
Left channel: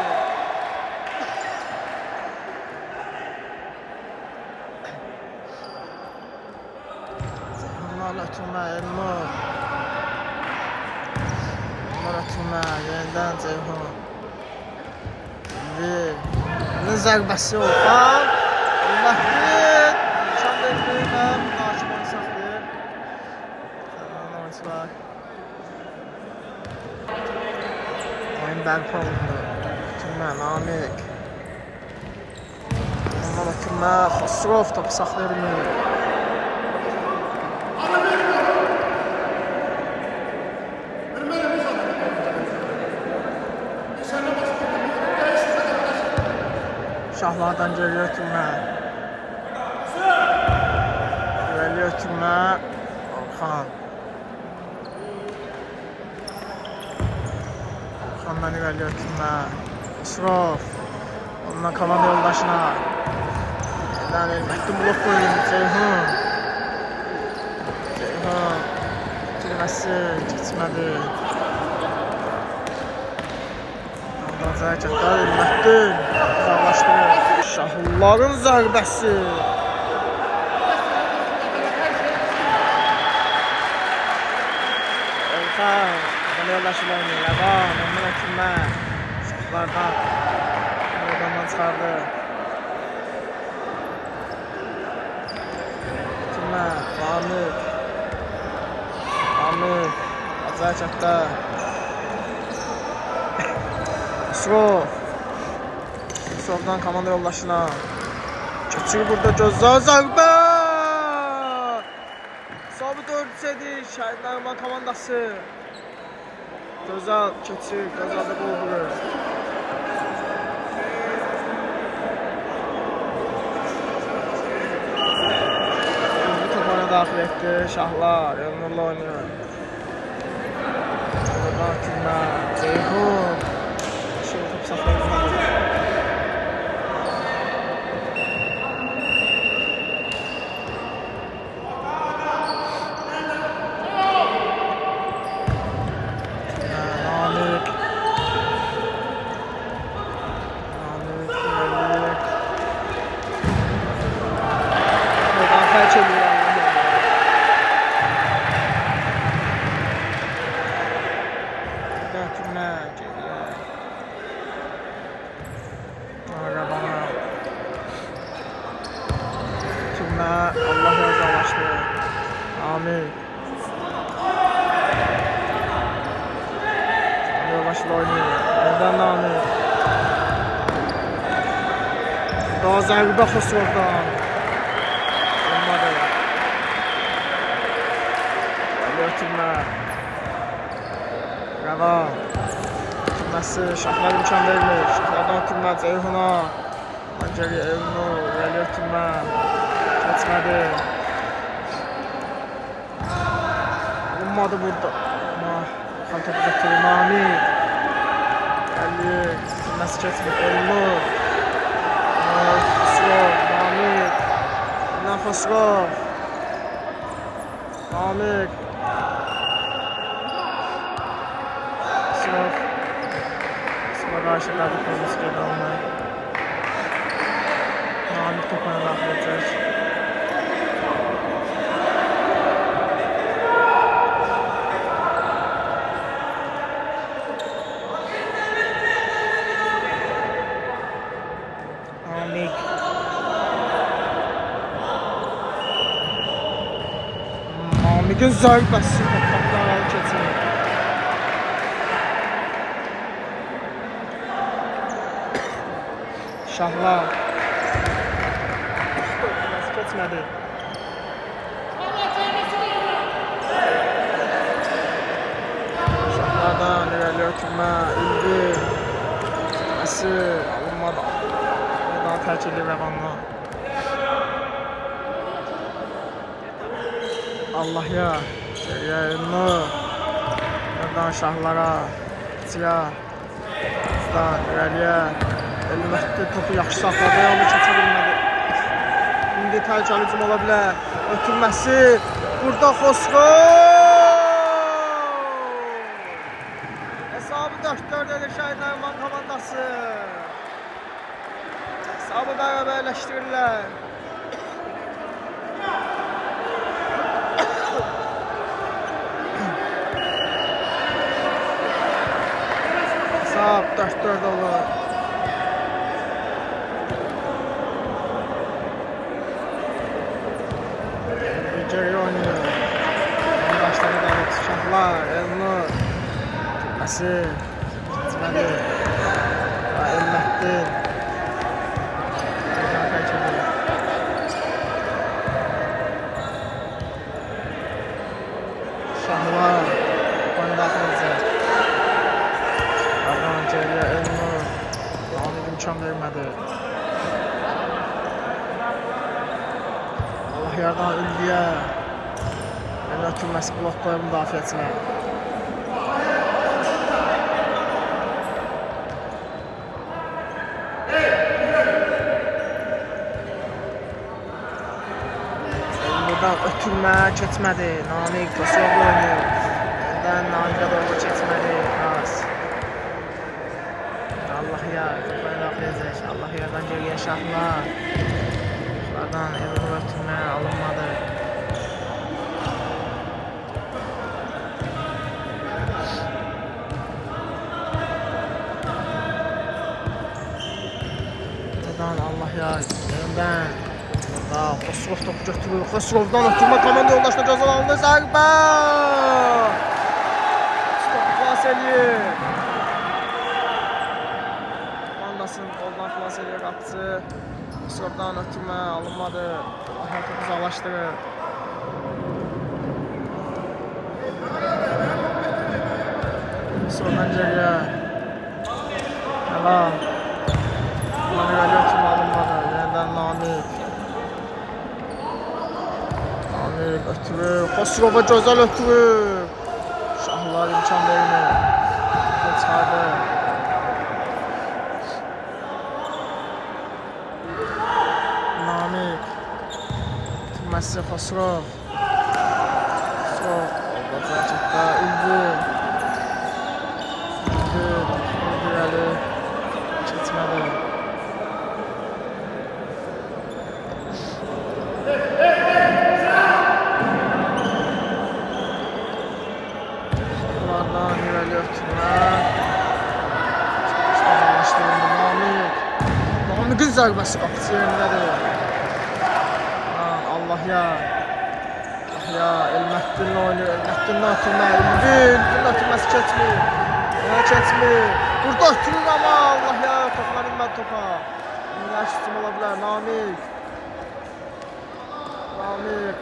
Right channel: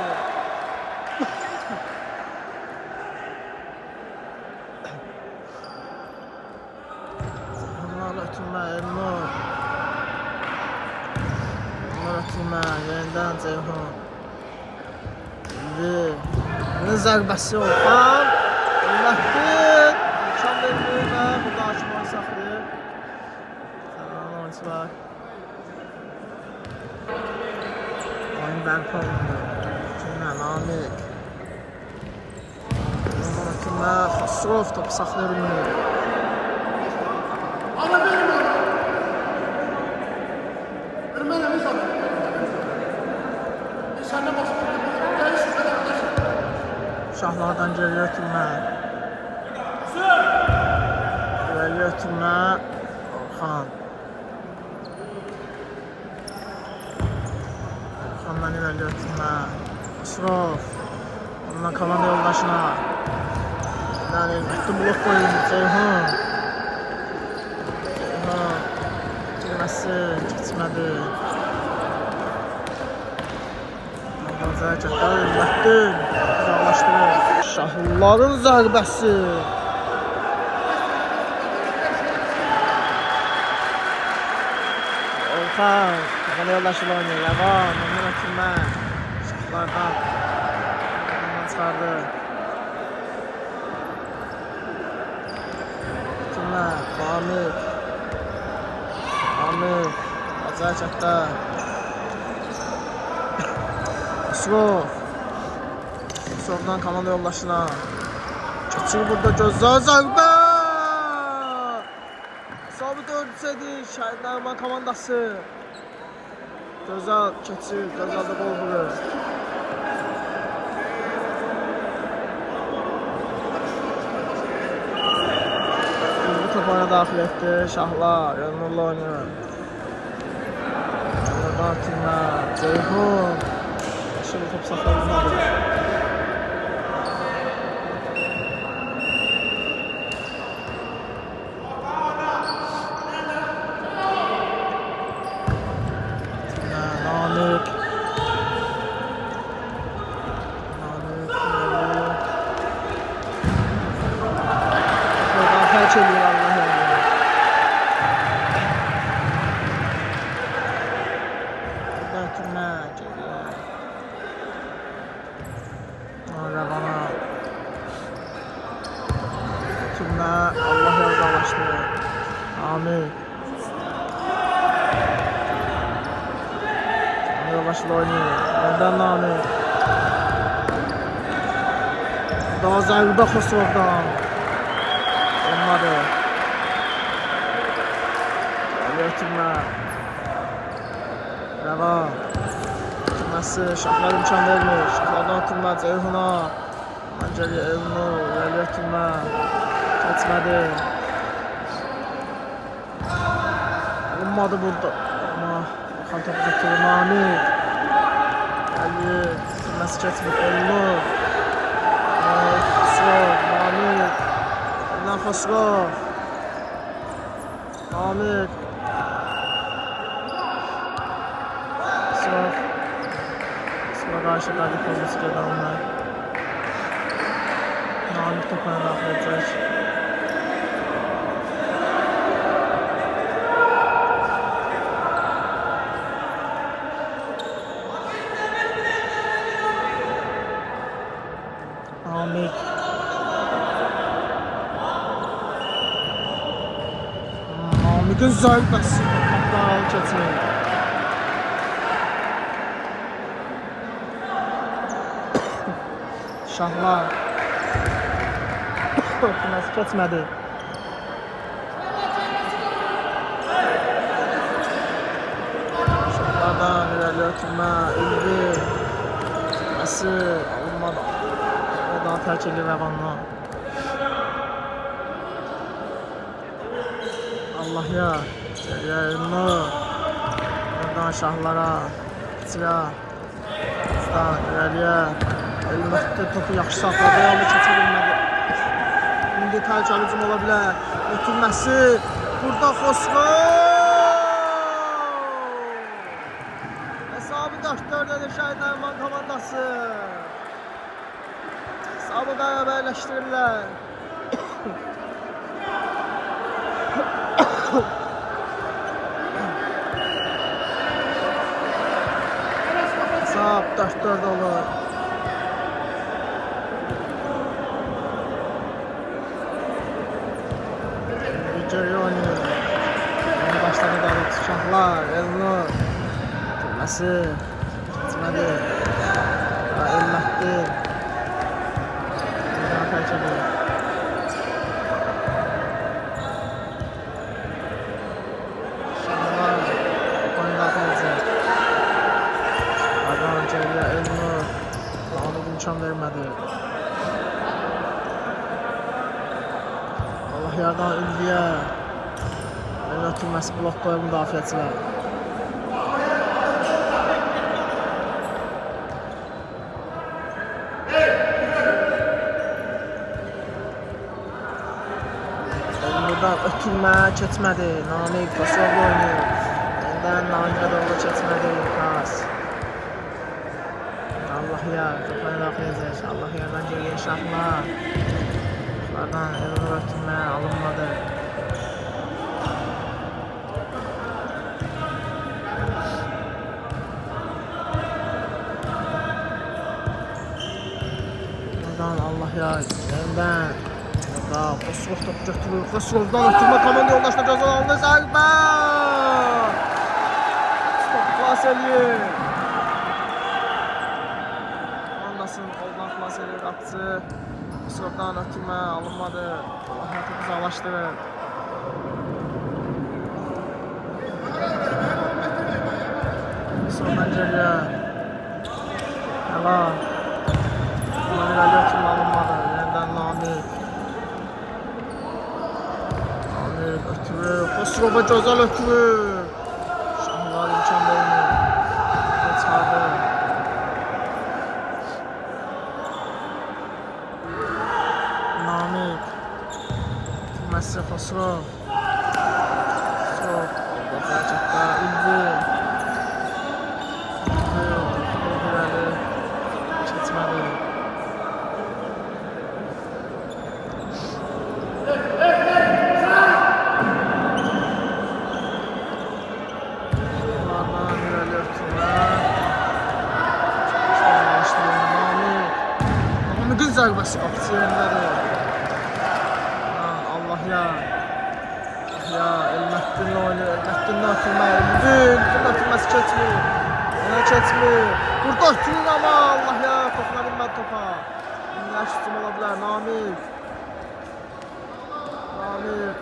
Ceyhunlarla ötürmə Elnur. Elnur ötürmə yenidən Ceyhun. İndi zərbəsi Orxan. Elmətli imkan verir və burada hakim oyun saxlayır. Sənan oyuncular. Oyun bərpa olundu. Ötürmə Namik. Ondan ötürmə Xosrov topu saxlaya bilmir. Şahlardan geriyə ötürmə. İrəliyə ötürmə Orxan. Orxandan irəliyə ötürmə Xosrov. Ondan komanda yoldaşına. Yəni Elmətli blok qoyun Ceyhun. Ceyhun ötürməsi keçmədi. Ondan zərəkətlər Elmətli uzaqlaşdırır. Şahların zərbəsi. Orxan komanda yoldaşıyla oynayır. Yavan ondan ötürmə. Şahlardan oradan çıxardı. Ötürmə Namik. Namik acayip çəkdə. Xosrov. Xosrovdan komanda yoldaşına. Keçir burada gözlər zərbə. Sabit ölçədi Şəhid Nəriman komandası. Gözəl keçir, gözəl də gol vurur. İkinci top oyuna daxil etdi Şahlar, Elnurla oynuyor. Oradan ötürmə Ceyhun. Şimdi top saxlayılmadı. Namik. Namik ilerliyor. Buradan felç ediyor Allah yani. Buradan ötürmə geriyə. Orada bana. Ötürmə Allah yazdalaşdı. Amin. Yoldaşıyla oynuyor. Neden Namik? Daha zərbə Xosrovdan. Olmadı. Gəlir ötürmə. Rəva. Ötürməsi Şahlar imkan vermir. Şahlardan ötürmə Ceyhuna. Ondan geriyə Elnur. Gəlir ötürmə. Keçmədi. Olmadı burada. Ama Orxan topu götürür Namik. Gəlir. Ötürməsi keçmir Elnur. Xosrov, Namik. Yeniden Xosrov. Namik. Xosrov. Xosrov karşı Qadipovskiy gedalını. Namik topuna daxil edəcək. Namik. Namik'in zərbəsi topaqdan alıb keçir. Şahlar. Nasıl keçmədi? Şahlardan irəli ötürmə, ilgi. Tutması alınmadı. Daha terk edir rəvanla. Allah ya. Yayını. Yerdən şahlara. İçirə. Bizdən irəliyə. Elmətdə topu yaxşı saxladı. Amma keçə bilmədi. İndi təhlükəli hücum ola bilər. Ötürməsi. Burada Xosrov. Hesabı 4-4 edir Şəhid Nəriman komandası. Hesabı bərabərləşdirirlər. Hesab 4-4 olur. Geri oynuyor. Başladı Davut Şahlar, Elnur. Tutması. Gitmedi. Elmətdir. Şahlar oyunu daxil edəcək. Ardan geriyə Elnur. Namik imkan vermədi. Allah yardan İlgiyə. Elnur ötürməsi blok qoyub müdafiəçilər. Buradan ötürmə keçmədi. Namik Xosrovla oynayır. Yeniden Namik'e doğru keçmədi. Pas. Allah ya. Toplayı daxil edəcək. Allah yerdən geriyə Şahlar. Şahlardan Elnur ötürmə alınmadı. Buradan Allah ya. Yeniden. Xosrov topu götürür. Xosrovdan ötürmə komanda yoldaşına cəzalandı. Zərbə! Stop xilas eləyir. Komandasının qoldan xilas eləyir qapıcı. Xosrovdan ötürmə alınmadı. Allah topu uzaqlaşdırır. Xosrovdan geriyə. Həla. Bundan irəli ötürmə alınmadı. Yeniden Namik. Ötürür. Xosrova gözəl ötürür. Şahlar imkan vermir. Çıxardı. Namik. Messi Xosrov. Xosrov. Oldu hərəkətdə. İlgi. İlgi. Keçmədi. İrəli ötürmə. Başlanmışdı Namik. Namik'in zərbəsi qapıcı yerindədir. Allah ya. Allah ya. Elmətdinlə oynayır. Elmətdinlə ötürmə. İlgin ötürməsi keçmir. Yenə keçmir. Burada ötürür ama Allah ya. Toplar inmədi topa. Yaş hücum ola bilər. Namik. Namik.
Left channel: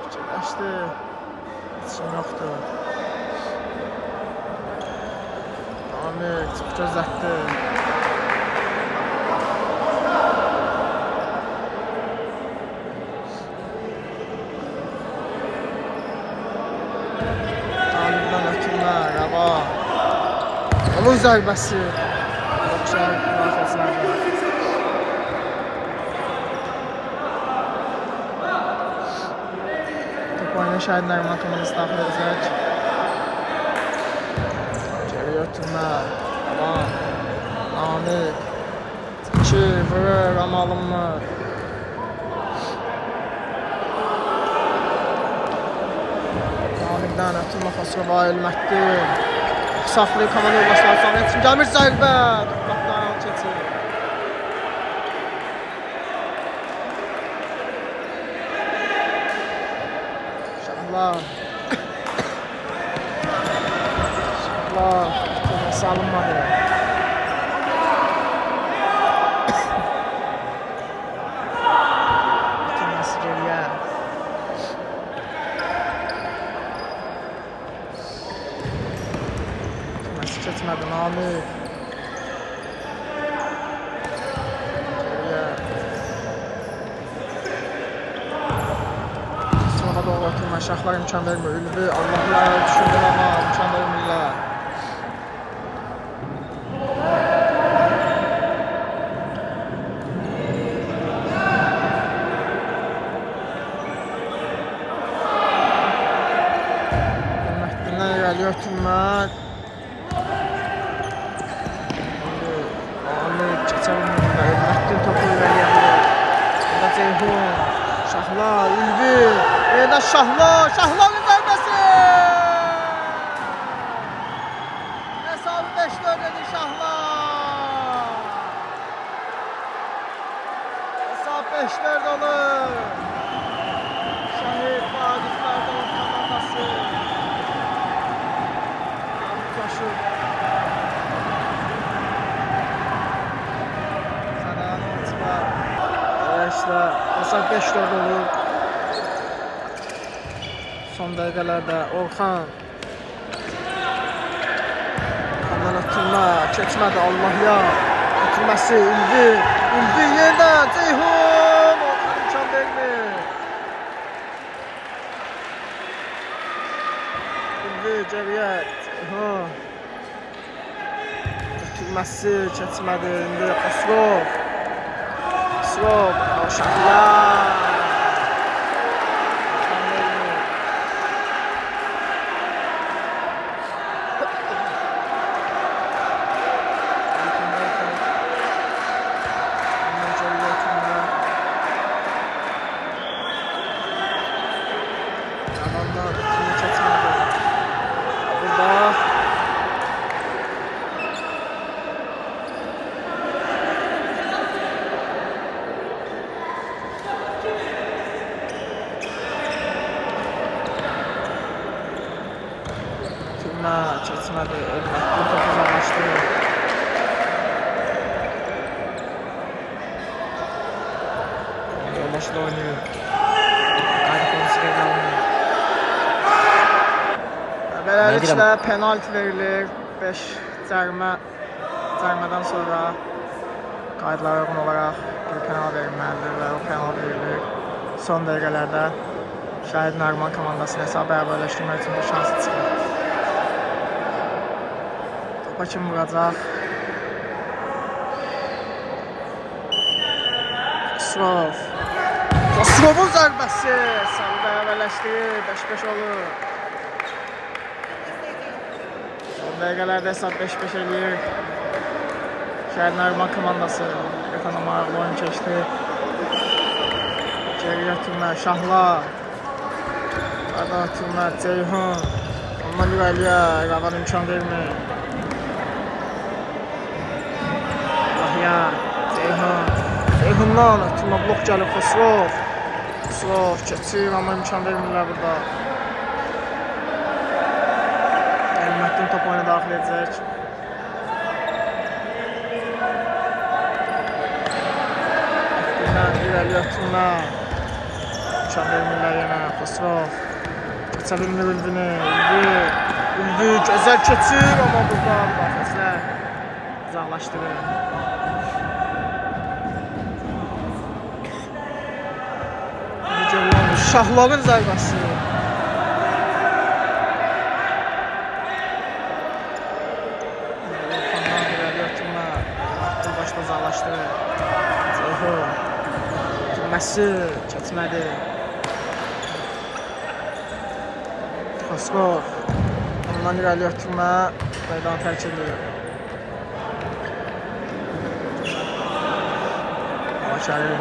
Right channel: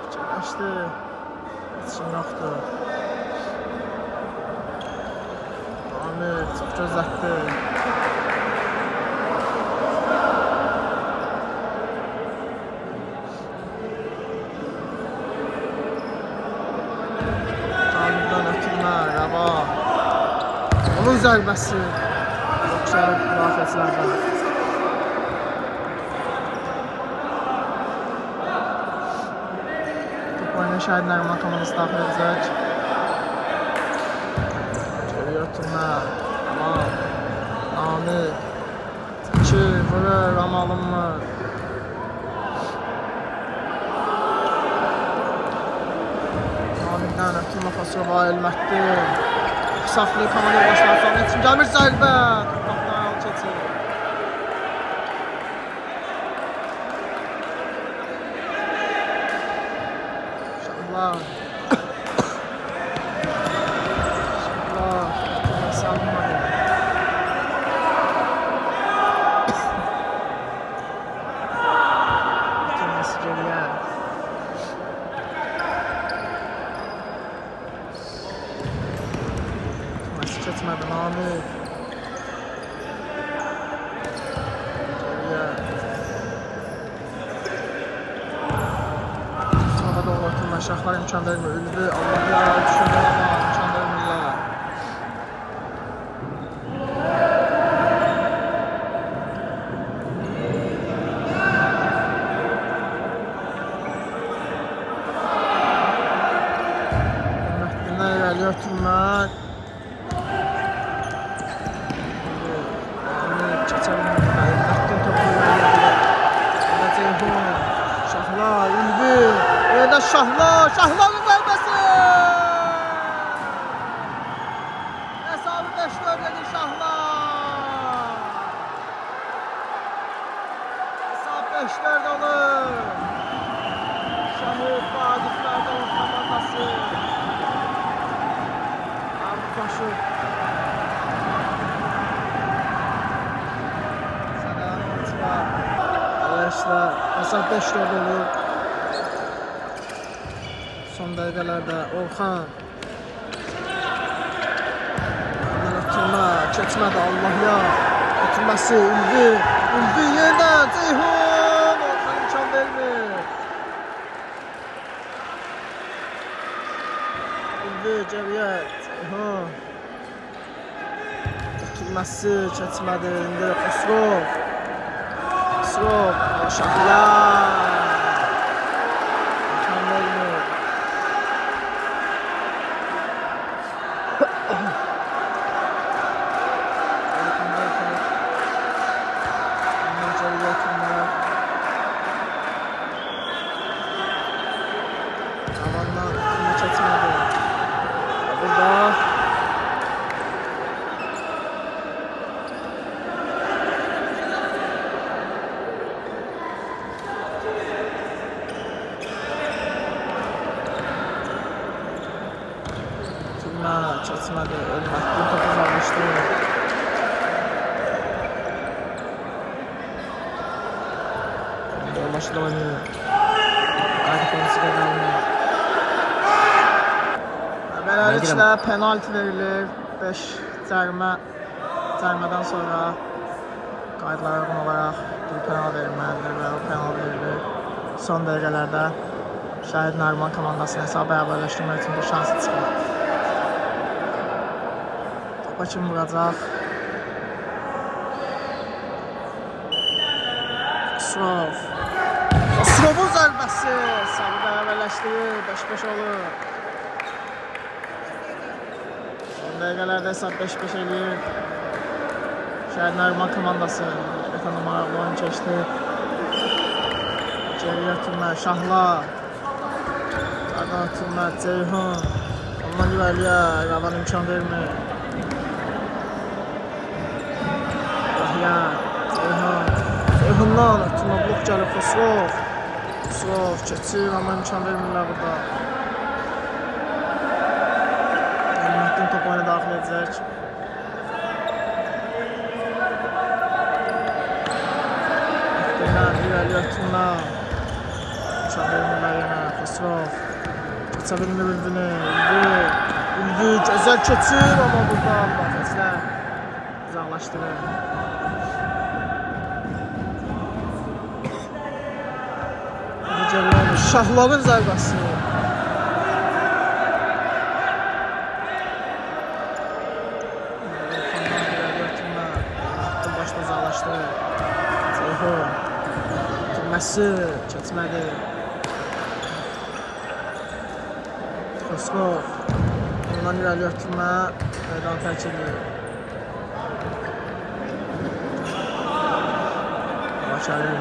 Fikirləşdi. İçim yoxdur. Namik çox gözlətdi. Namikdən ötürmə, Rəva. Onun zərbəsi. Yoxsa müdafiəçilərdən. Oyuna Şahid Nəriman komandası daxil edəcək. Geri götürmə. Tamam. Amir. Çəkir, vurur, amma alınmır. Amirdən ötürmə Xosrova Elmətdir. Saxlayır komanda yoldaşları sonra üçün gəlmir zərbə. Qapıdan yol keçir. Şahlar. Şahlar. Tutulması alınmadı. Tutulması geriyə. Keçmədi Namik. Geriyə. Sınağa doğru atılma. Şahlar imkan vermir. Ülvi Allah ya düşündür ama imkan vermirlər. Hürmətlindən irəli ötürmək. Şahlar, Ülvi, yerdə Şahlar, Şahların zərbəsi! Hesabı 5-4 edir Şahlar! Hesab 5-4 olur! Şahid Vagiflər Dolu komandası! Amir Koşub! Sənəyan oyuncular! İşte hesab 5-4 olur. Son dəqiqələrdə Orxan. Ondan ötürmə, keçmədi Allah ya. Ötürməsi Ülvi. Ülvi yerdən Ceyhun. Orxan imkan vermir. Ülvi geriyə Ceyhun. Ötürməsi keçmədi indi Xosrov. Xosrov, Şahlar. İmkan vermir. Ondan geriyə ötürmə. Tavandan ötürmə keçmədi. Burada keçmədi, Ölmətli topu uzaqlaşdı. Yoldaşı da oynayır. Qayda konusu qeydə alınır. Beləliklə penalti verilir. 5 cərimədən sonra qaydalara uyğun olaraq bir penal verilməlidir və o penal verilir. Son dəqiqələrdə Şahid Nəriman komandasını hesabı bərabərləşdirmək üçün bir şansı çıxır. Topa kim vuracaq? Xosrov. Xosrovun zərbəsi hesabı bərabərləşdirir. 5-5 olur. Son dəqiqələrdə hesab 5-5 eləyir. Şəhid Nəriman komandası ekonomarlı oyun keçdi. Geriyə ötürmə Şahlar. Qadan ötürmə Ceyhun. Ondan irəliyə Ravan imkan vermir. Yahya, Ceyhun. Ceyhundan ötürmə blok gəlib Xosrov. Xosrov keçir amma imkan vermirlər burada. Elmətdin top oyuna daxil edəcək. İrəli ötürmə. İmkan vermirlər yenə Xosrov. Keçə bilmir Ülvini. Ülvi gözəl keçir amma burada müdafiəçilər uzaqlaşdırır. Şahların zərbəsi. Orxandan irəli ötürmə. Elmətdin başda uzaqlaşdırır. Ceyhun. Ötürməsi keçmədi. Koskov. Ondan irəli ötürmə. Meydan tərk edir. Bakəli.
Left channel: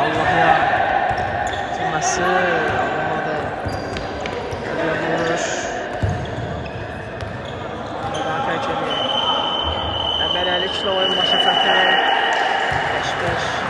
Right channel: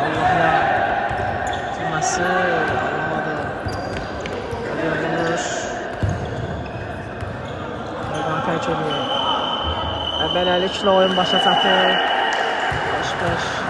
Allah ya. Bitirməsi. Alınmadı. Gəliyor vuruş. Meydan tərk edir. Əbələliklə oyun başa çatır. 5-5.